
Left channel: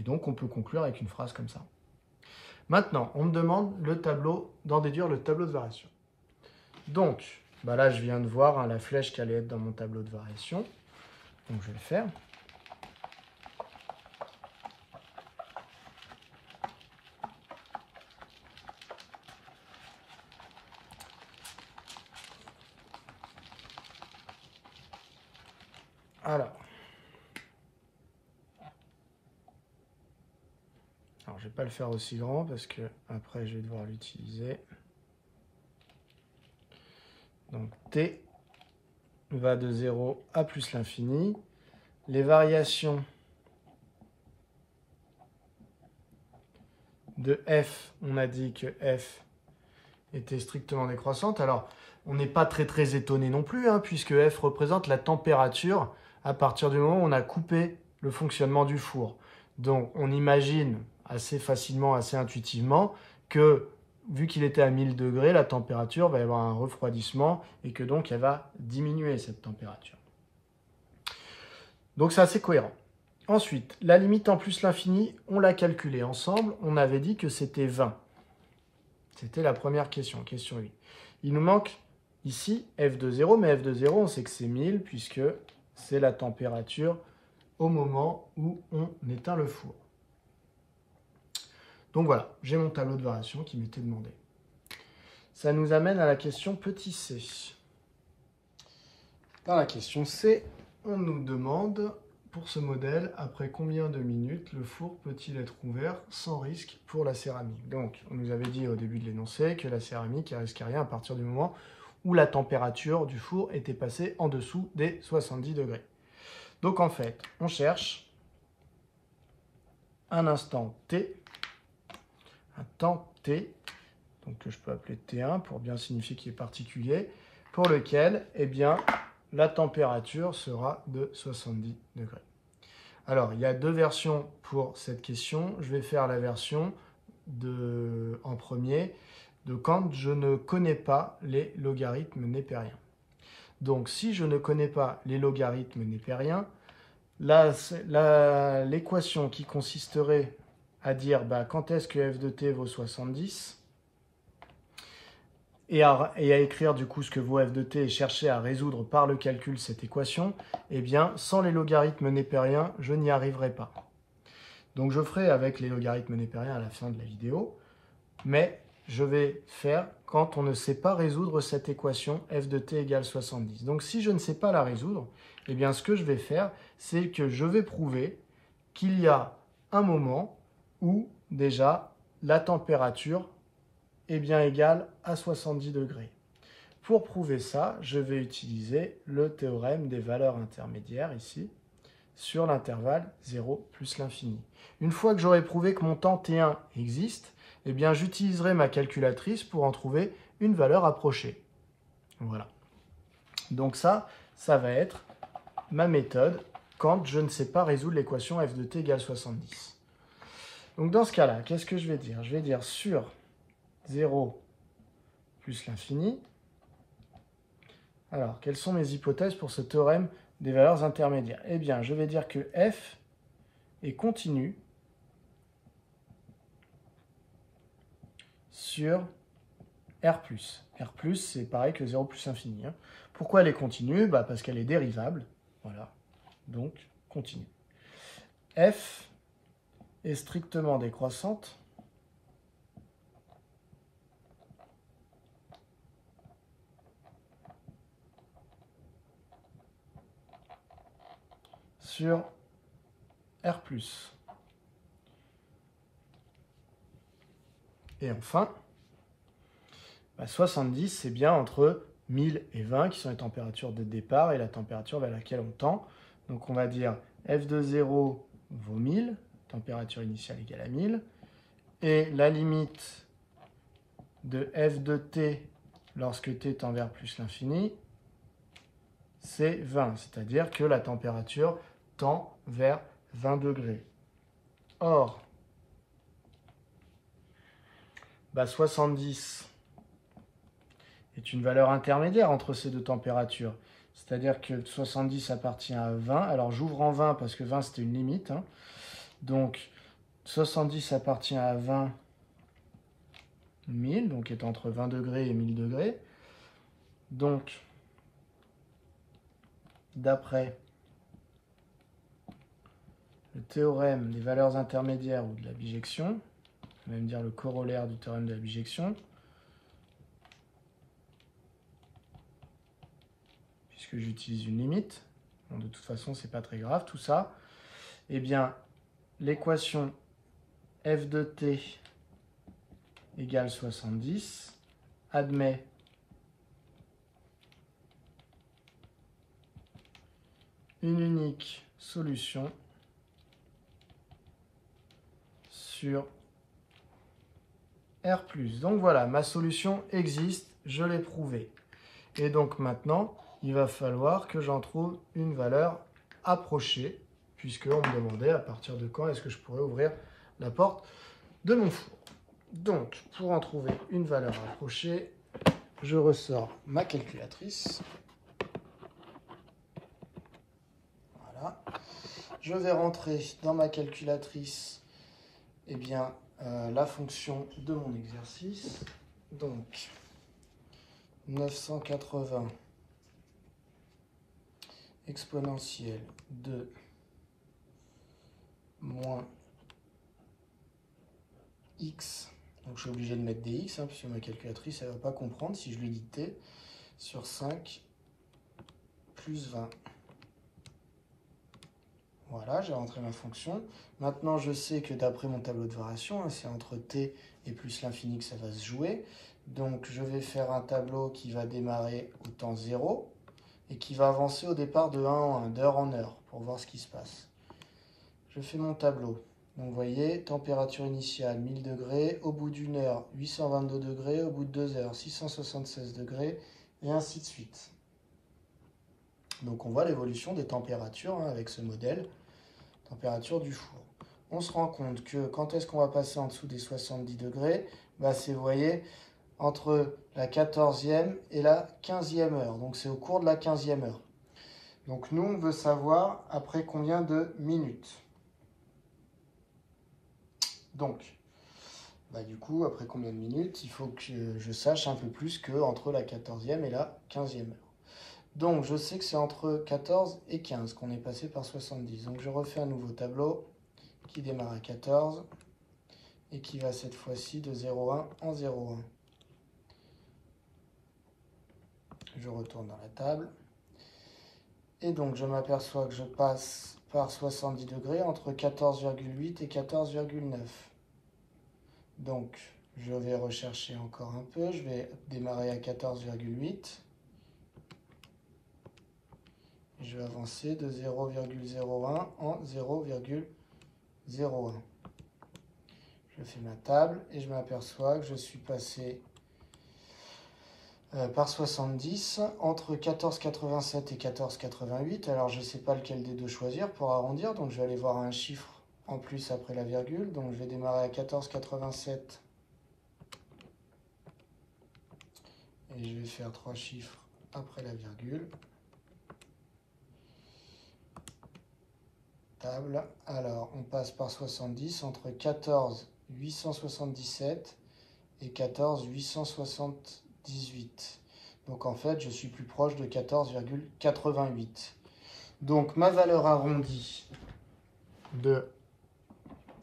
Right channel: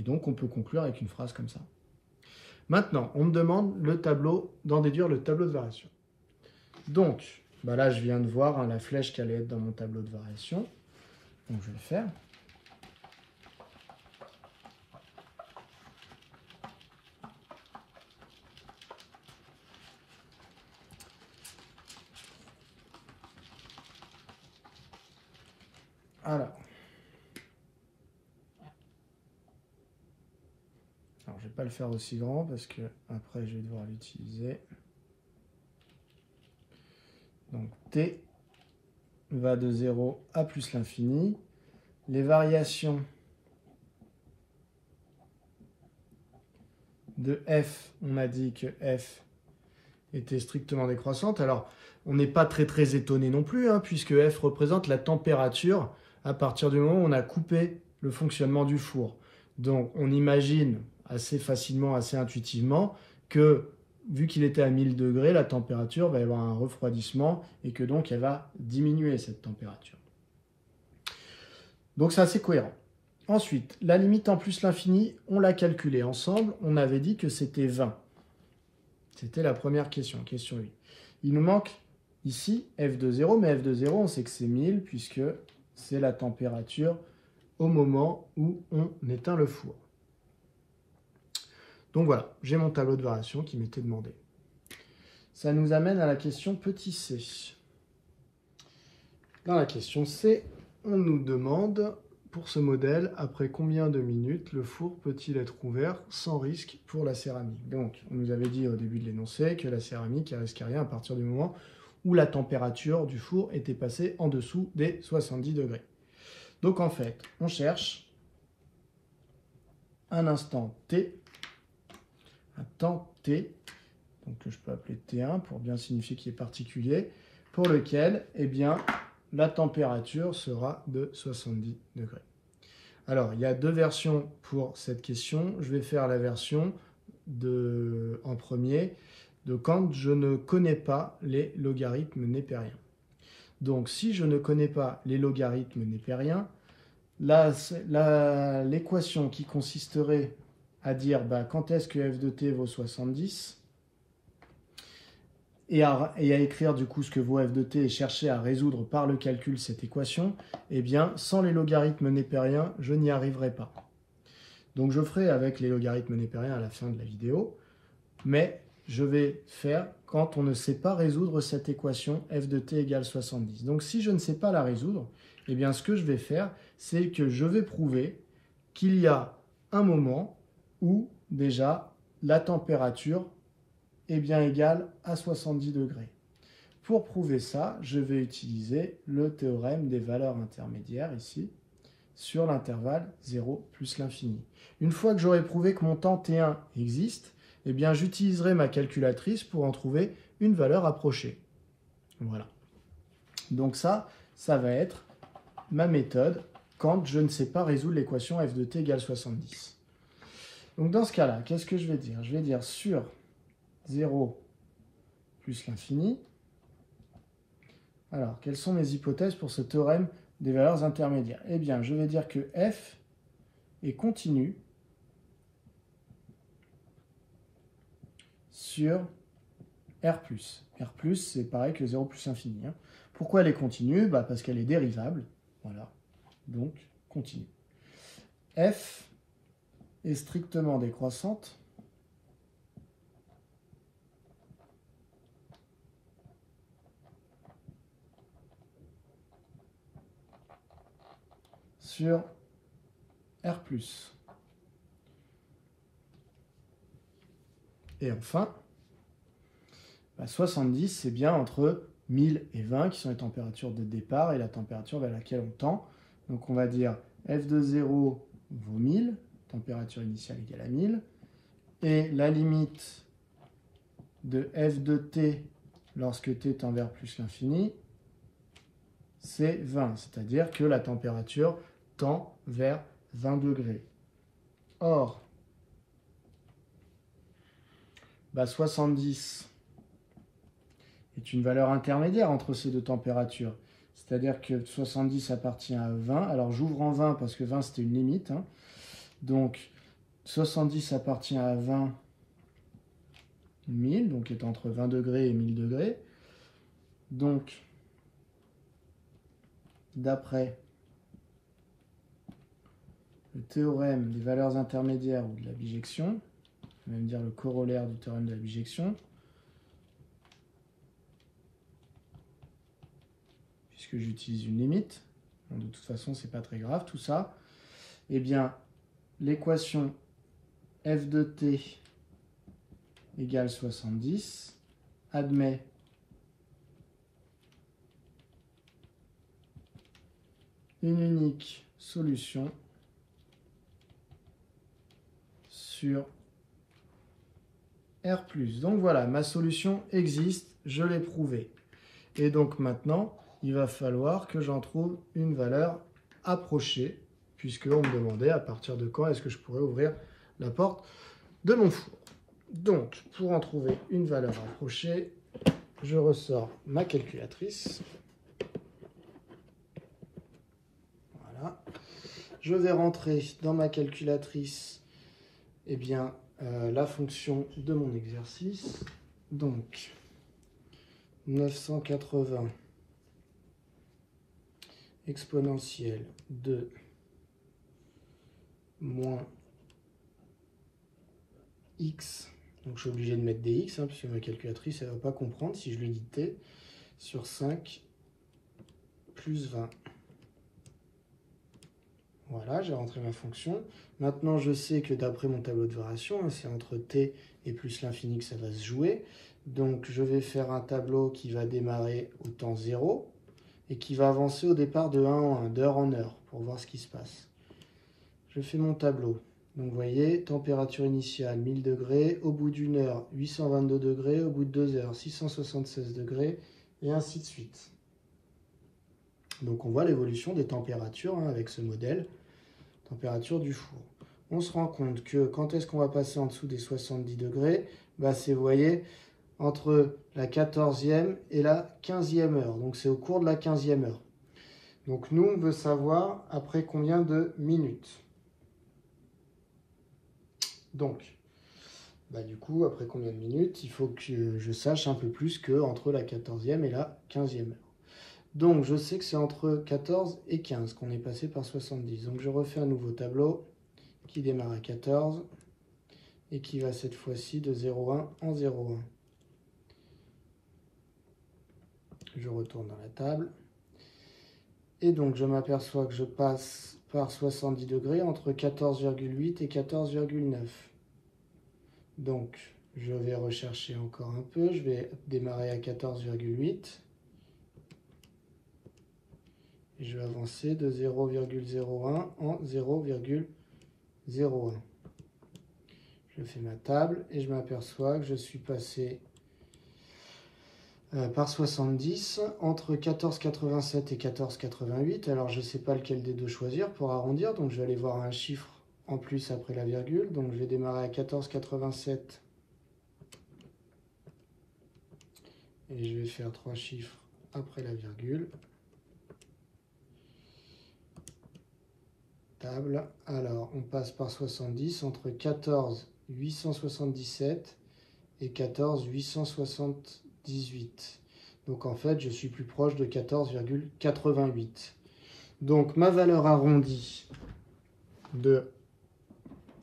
Et donc on peut conclure avec une phrase comme ça. Maintenant, on me demande d'en déduire le tableau de variation. Donc, bah là, je viens de voir la flèche qui allait être dans mon tableau de variation. Donc, je vais le faire. Alors, je ne vais pas le faire aussi grand parce que après, je vais devoir l'utiliser. Donc, t va de 0 à plus l'infini. Les variations de f, on a dit que f était strictement décroissante. Alors, on n'est pas très étonné non plus, hein, puisque f représente la température à partir du moment où on a coupé le fonctionnement du four. Donc, on imagine assez facilement, assez intuitivement, que vu qu'il était à 1000 degrés, la température va y avoir un refroidissement et que donc elle va diminuer cette température. Donc, c'est assez cohérent. Ensuite, la limite en plus l'infini, on l'a calculée ensemble. On avait dit que c'était 20. C'était la première question, question 8. Il nous manque ici f de 0, mais f de 0, on sait que c'est 1000 puisque c'est la température au moment où on éteint le four. Donc voilà, j'ai mon tableau de variation qui m'était demandé. Ça nous amène à la question petit c. Dans la question C, on nous demande pour ce modèle, après combien de minutes le four peut-il être ouvert sans risque pour la céramique? Donc, on nous avait dit au début de l'énoncé que la céramique ne risquait rien à partir du moment où la température du four était passée en dessous des 70 degrés. Donc, en fait, on cherche un instant T, un temps T, donc que je peux appeler T1 pour bien signifier qu'il est particulier, pour lequel, eh bien, la température sera de 70 degrés. Alors, il y a deux versions pour cette question. Je vais faire la version en premier de quand je ne connais pas les logarithmes népériens. Donc, si je ne connais pas les logarithmes népériens, l'équation qui consisterait à dire quand est-ce que f de t vaut 70 et à écrire du coup ce que vaut f de t et chercher à résoudre par le calcul cette équation, eh bien, sans les logarithmes népériens, je n'y arriverai pas. Donc, je ferai avec les logarithmes népériens à la fin de la vidéo, mais je vais faire quand on ne sait pas résoudre cette équation f de t égale 70. Donc, si je ne sais pas la résoudre, eh bien, ce que je vais faire, c'est que je vais prouver qu'il y a un moment où, déjà, la température est bien égale à 70 degrés. Pour prouver ça, je vais utiliser le théorème des valeurs intermédiaires ici, sur l'intervalle 0 plus l'infini. Une fois que j'aurai prouvé que mon temps T1 existe, eh bien, j'utiliserai ma calculatrice pour en trouver une valeur approchée. Voilà. Donc ça va être ma méthode quand je ne sais pas résoudre l'équation f de t égale 70. Donc dans ce cas-là, qu'est-ce que je vais dire? Je vais dire sur 0 plus l'infini. Alors, quelles sont mes hypothèses pour ce théorème des valeurs intermédiaires? Eh bien, je vais dire que f est continu sur R+. R+, c'est pareil que 0 plus infini. Pourquoi elle est continue? Parce qu'elle est dérivable. Voilà. Donc, continue. F est strictement décroissante sur R+. Et enfin, 70, c'est bien entre 1000 et 20 qui sont les températures de départ et la température vers laquelle on tend. Donc on va dire f de 0 vaut 1000, température initiale égale à 1000, et la limite de f de t lorsque t tend vers plus l'infini, c'est 20, c'est-à-dire que la température tend vers 20 degrés. Or, 70 est une valeur intermédiaire entre ces deux températures. C'est-à-dire que 70 appartient à 20. Alors j'ouvre en 20 parce que 20 c'était une limite. Donc 70 appartient à 20 1000, donc est entre 20 degrés et 1000 degrés. Donc, d'après le théorème des valeurs intermédiaires ou de la bijection, on va même dire le corollaire du théorème de la bijection, puisque j'utilise une limite, bon, de toute façon c'est pas très grave tout ça, eh bien l'équation f de t égale 70 admet une unique solution sur R+. Donc voilà, ma solution existe, je l'ai prouvée. Et donc maintenant, il va falloir que j'en trouve une valeur approchée, puisqu'on me demandait à partir de quand est-ce que je pourrais ouvrir la porte de mon four. Donc, pour en trouver une valeur approchée, je ressors ma calculatrice. Voilà. Je vais rentrer dans ma calculatrice la fonction de mon exercice. Donc, 980 exponentielle de moins x. Donc je suis obligé de mettre des x, parce que ma calculatrice, elle ne va pas comprendre si je lui dis t, sur 5 plus 20. Voilà, j'ai rentré ma fonction. Maintenant, je sais que d'après mon tableau de variation, c'est entre t et plus l'infini que ça va se jouer. Donc, je vais faire un tableau qui va démarrer au temps 0 et qui va avancer au départ de 1 en 1, d'heure en heure, pour voir ce qui se passe. Je fais mon tableau. Donc, vous voyez, température initiale 1000 degrés, au bout d'une heure 822 degrés, au bout de 2 heures 676 degrés, et ainsi de suite. Donc, on voit l'évolution des températures avec ce modèle, température du four. On se rend compte que quand est-ce qu'on va passer en dessous des 70 degrés, c'est, vous voyez, entre la 14e et la 15e heure. Donc, c'est au cours de la 15e heure. Donc, nous, on veut savoir après combien de minutes. Donc, du coup, après combien de minutes, il faut que je sache un peu plus qu'entre la 14e et la 15e heure. Donc, je sais que c'est entre 14 et 15 qu'on est passé par 70. Donc, je refais un nouveau tableau qui démarre à 14 et qui va cette fois-ci de 0,1 en 0,1. Je retourne dans la table. Et donc, je m'aperçois que je passe par 70 degrés entre 14,8 et 14,9. Donc, je vais rechercher encore un peu. Je vais démarrer à 14,8. Je vais avancer de 0,01 en 0,01. Je fais ma table et je m'aperçois que je suis passé par 70 entre 14,87 et 14,88. Alors, je ne sais pas lequel des deux choisir pour arrondir. Donc, je vais aller voir un chiffre en plus après la virgule. Donc, je vais démarrer à 14,87 et je vais faire 3 chiffres après la virgule. Table. Alors, on passe par 70 entre 14,877 et 14,878. Donc, en fait, je suis plus proche de 14,88. Donc, ma valeur arrondie de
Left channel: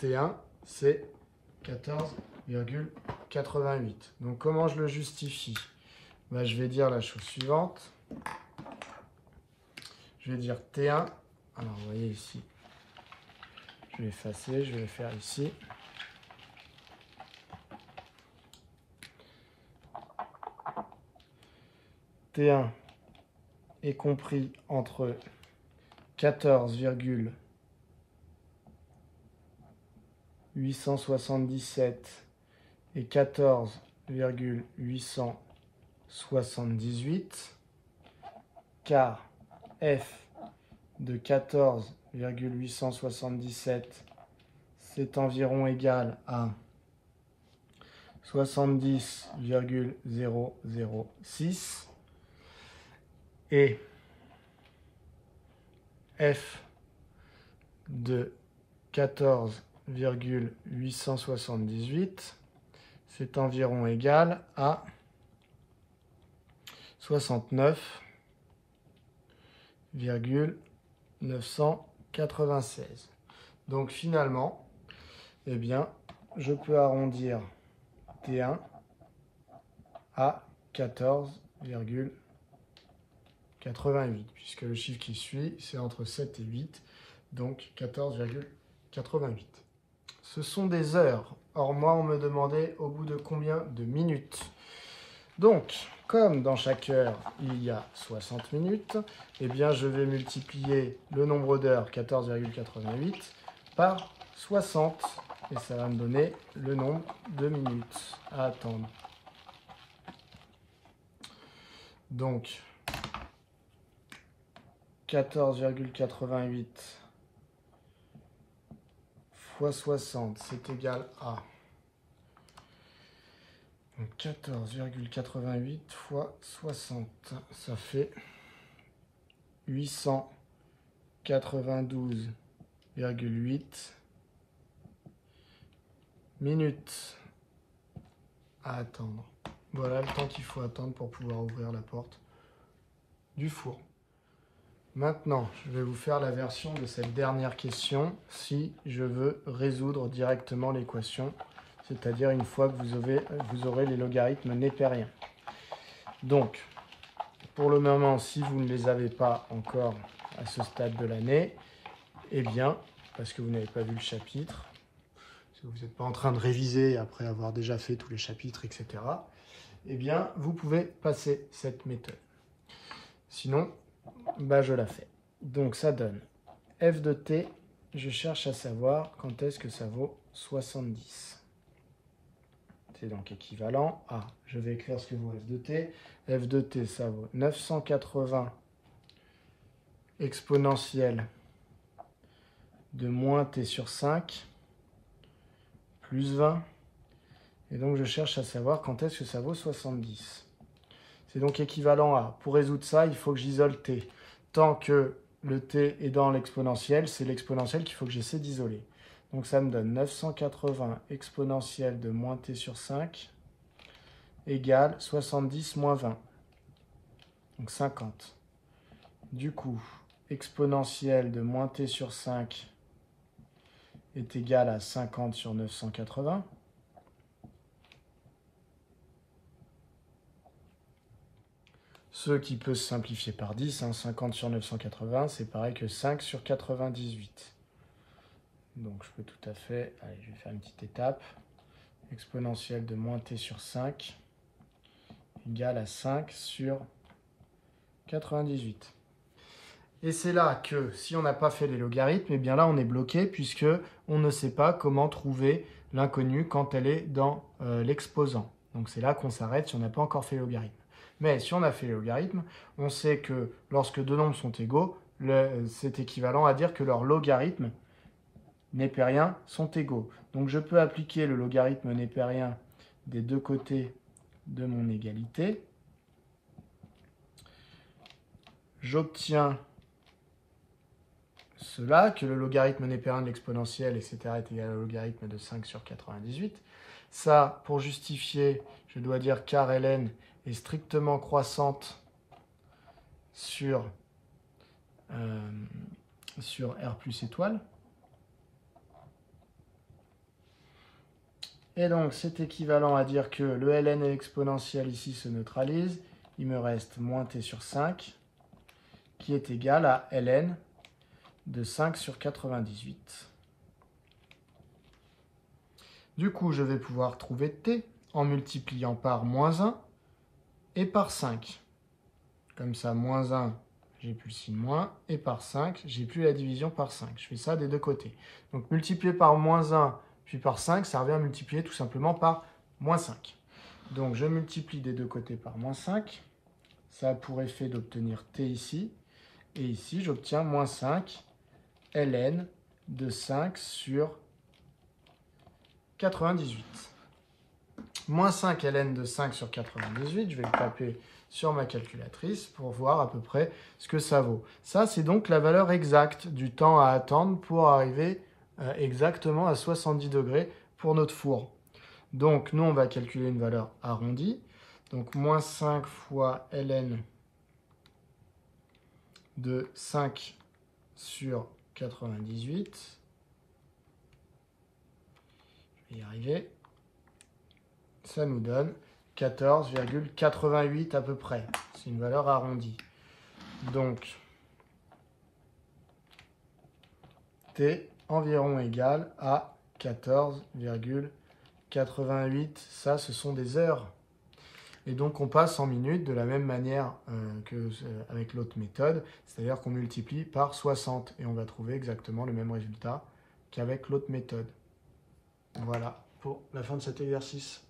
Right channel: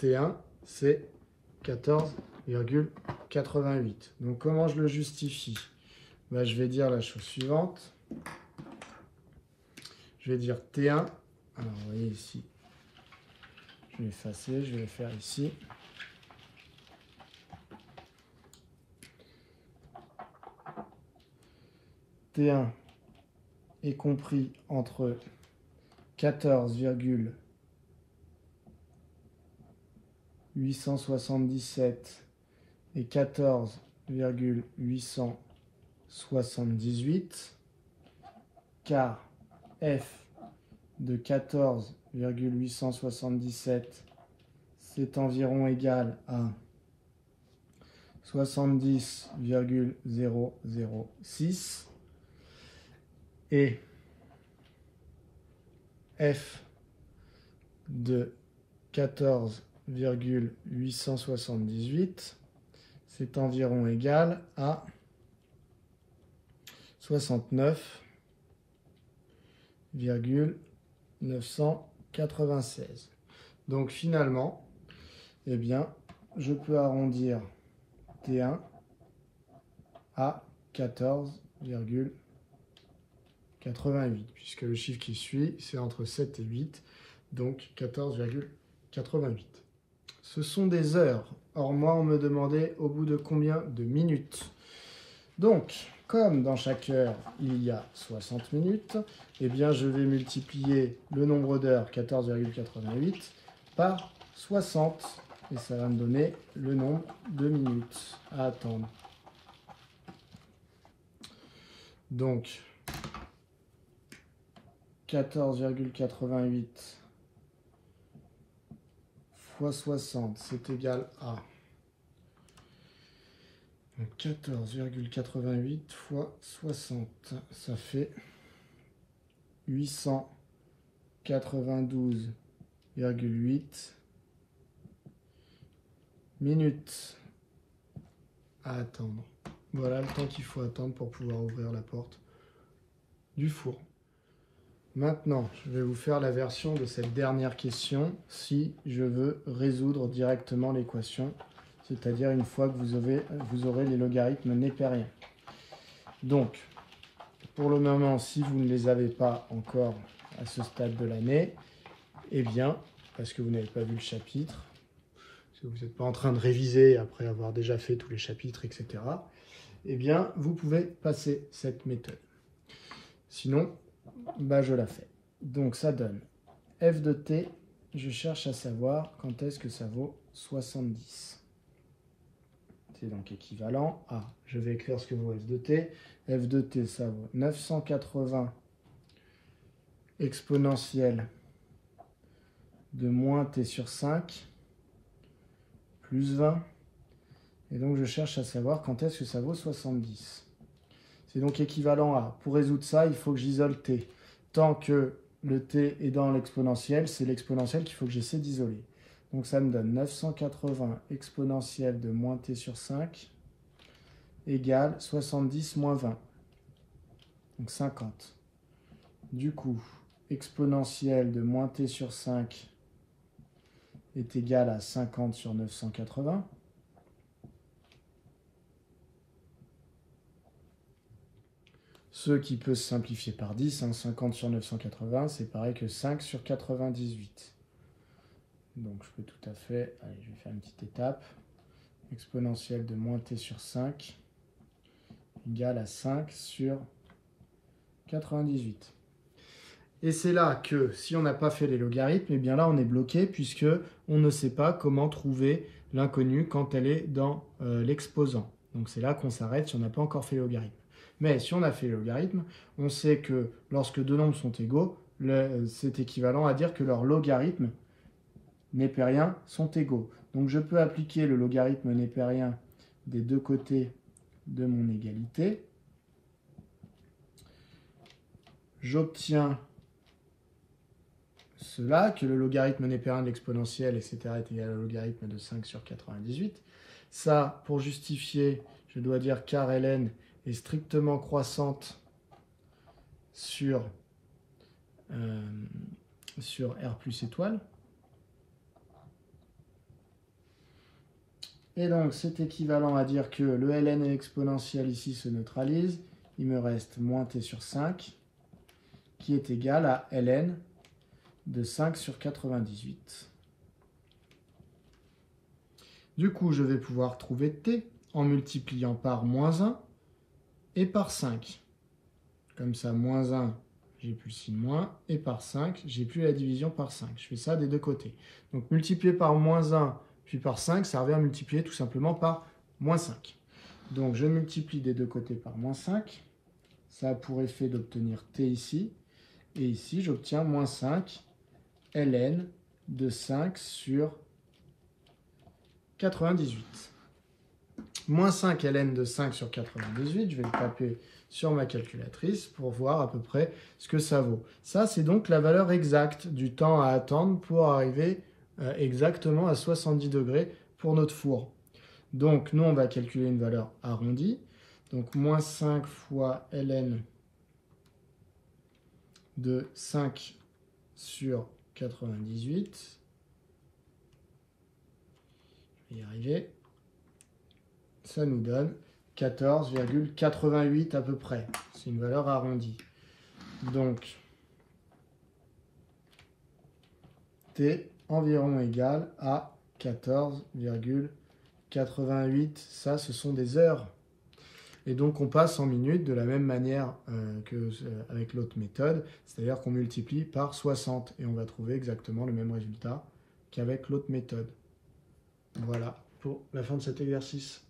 T1, c'est 14,88. Donc, comment je le justifie? Je vais dire la chose suivante. Je vais dire T1. Alors, vous voyez ici, je vais effacer, je vais le faire ici. T1 est compris entre 14,877 et 14,878, car f de 14,877, c'est environ égal à 70,006 et f de 14,878, c'est environ égal à 69,996. Donc finalement, eh bien, je peux arrondir T1 à 14,88, puisque le chiffre qui suit, c'est entre 7 et 8, donc 14,88. Ce sont des heures. Or, moi, on me demandait au bout de combien de minutes. Donc, comme dans chaque heure, il y a 60 minutes, eh bien, je vais multiplier le nombre d'heures, 14,88, par 60. Et ça va me donner le nombre de minutes à attendre. Donc, 14,88 fois 60, c'est égal à 14,88 fois 60, ça fait 892,8 minutes à attendre. Voilà le temps qu'il faut attendre pour pouvoir ouvrir la porte du four. Maintenant, je vais vous faire la version de cette dernière question si je veux résoudre directement l'équation, c'est-à-dire une fois que vous aurez les logarithmes népériens. Donc, pour le moment, si vous ne les avez pas encore à ce stade de l'année, Eh bien, parce que vous n'avez pas vu le chapitre, parce que vous n'êtes pas en train de réviser après avoir déjà fait tous les chapitres, etc., eh bien, vous pouvez passer cette méthode. Sinon, bah, je la fais. Donc, ça donne f de t, je cherche à savoir quand est-ce que ça vaut 70. C'est donc équivalent à, je vais écrire ce que vaut f de t. F de t, ça vaut 980 exponentielle de moins t sur 5 plus 20. Et donc, je cherche à savoir quand est-ce que ça vaut 70. C'est donc équivalent à, pour résoudre ça, il faut que j'isole t. Tant que le t est dans l'exponentiel, c'est l'exponentiel qu'il faut que j'essaie d'isoler. Donc ça me donne 980 exponentielle de moins t sur 5 égale 70 moins 20. Donc 50. Du coup, exponentielle de moins t sur 5 est égale à 50 sur 980. Ce qui peut se simplifier par 10, hein, 50 sur 980, c'est pareil que 5 sur 98. Donc je peux tout à fait, allez, je vais faire une petite étape. Exponentielle de moins t sur 5 égale à 5 sur 98. Et c'est là que, si on n'a pas fait les logarithmes, eh bien là on est bloqué puisque on ne sait pas comment trouver l'inconnu quand elle est dans l'exposant. Donc c'est là qu'on s'arrête si on n'a pas encore fait les logarithmes. Mais si on a fait les logarithmes, on sait que lorsque deux nombres sont égaux, c'est équivalent à dire que leurs logarithmes népériens sont égaux. Donc je peux appliquer le logarithme népérien des deux côtés de mon égalité. J'obtiens cela, que le logarithme népérien de l'exponentielle, etc., est égal au logarithme de 5 sur 98. Ça, pour justifier, je dois dire car ln est strictement croissante sur R plus étoile. Et donc, c'est équivalent à dire que le ln et l'exponentielle ici se neutralisent. Il me reste moins t sur 5, qui est égal à ln de 5 sur 98. Du coup, je vais pouvoir trouver t en multipliant par moins 1 et par 5. Comme ça, moins 1, j'ai plus le signe moins, et par 5, j'ai plus la division par 5. Je fais ça des deux côtés. Donc, multiplier par moins 1 puis par 5, ça revient à multiplier tout simplement par moins 5. Donc, je multiplie des deux côtés par moins 5. Ça a pour effet d'obtenir t ici. Et ici, j'obtiens moins 5 ln de 5 sur 98. Moins 5 ln de 5 sur 98, je vais le taper sur ma calculatrice pour voir à peu près ce que ça vaut. Ça, c'est donc la valeur exacte du temps à attendre pour arriver exactement à 70 degrés pour notre four. Donc, nous, on va calculer une valeur arrondie. Donc, moins 5 fois ln de 5 sur 98. Je vais y arriver. Ça nous donne 14,88 à peu près. C'est une valeur arrondie. Donc, t environ égal à 14,88. Ça, ce sont des heures. Et donc, on passe en minutes de la même manière qu'avec l'autre méthode, c'est-à-dire qu'on multiplie par 60 et on va trouver exactement le même résultat qu'avec l'autre méthode. Voilà pour la fin de cet exercice.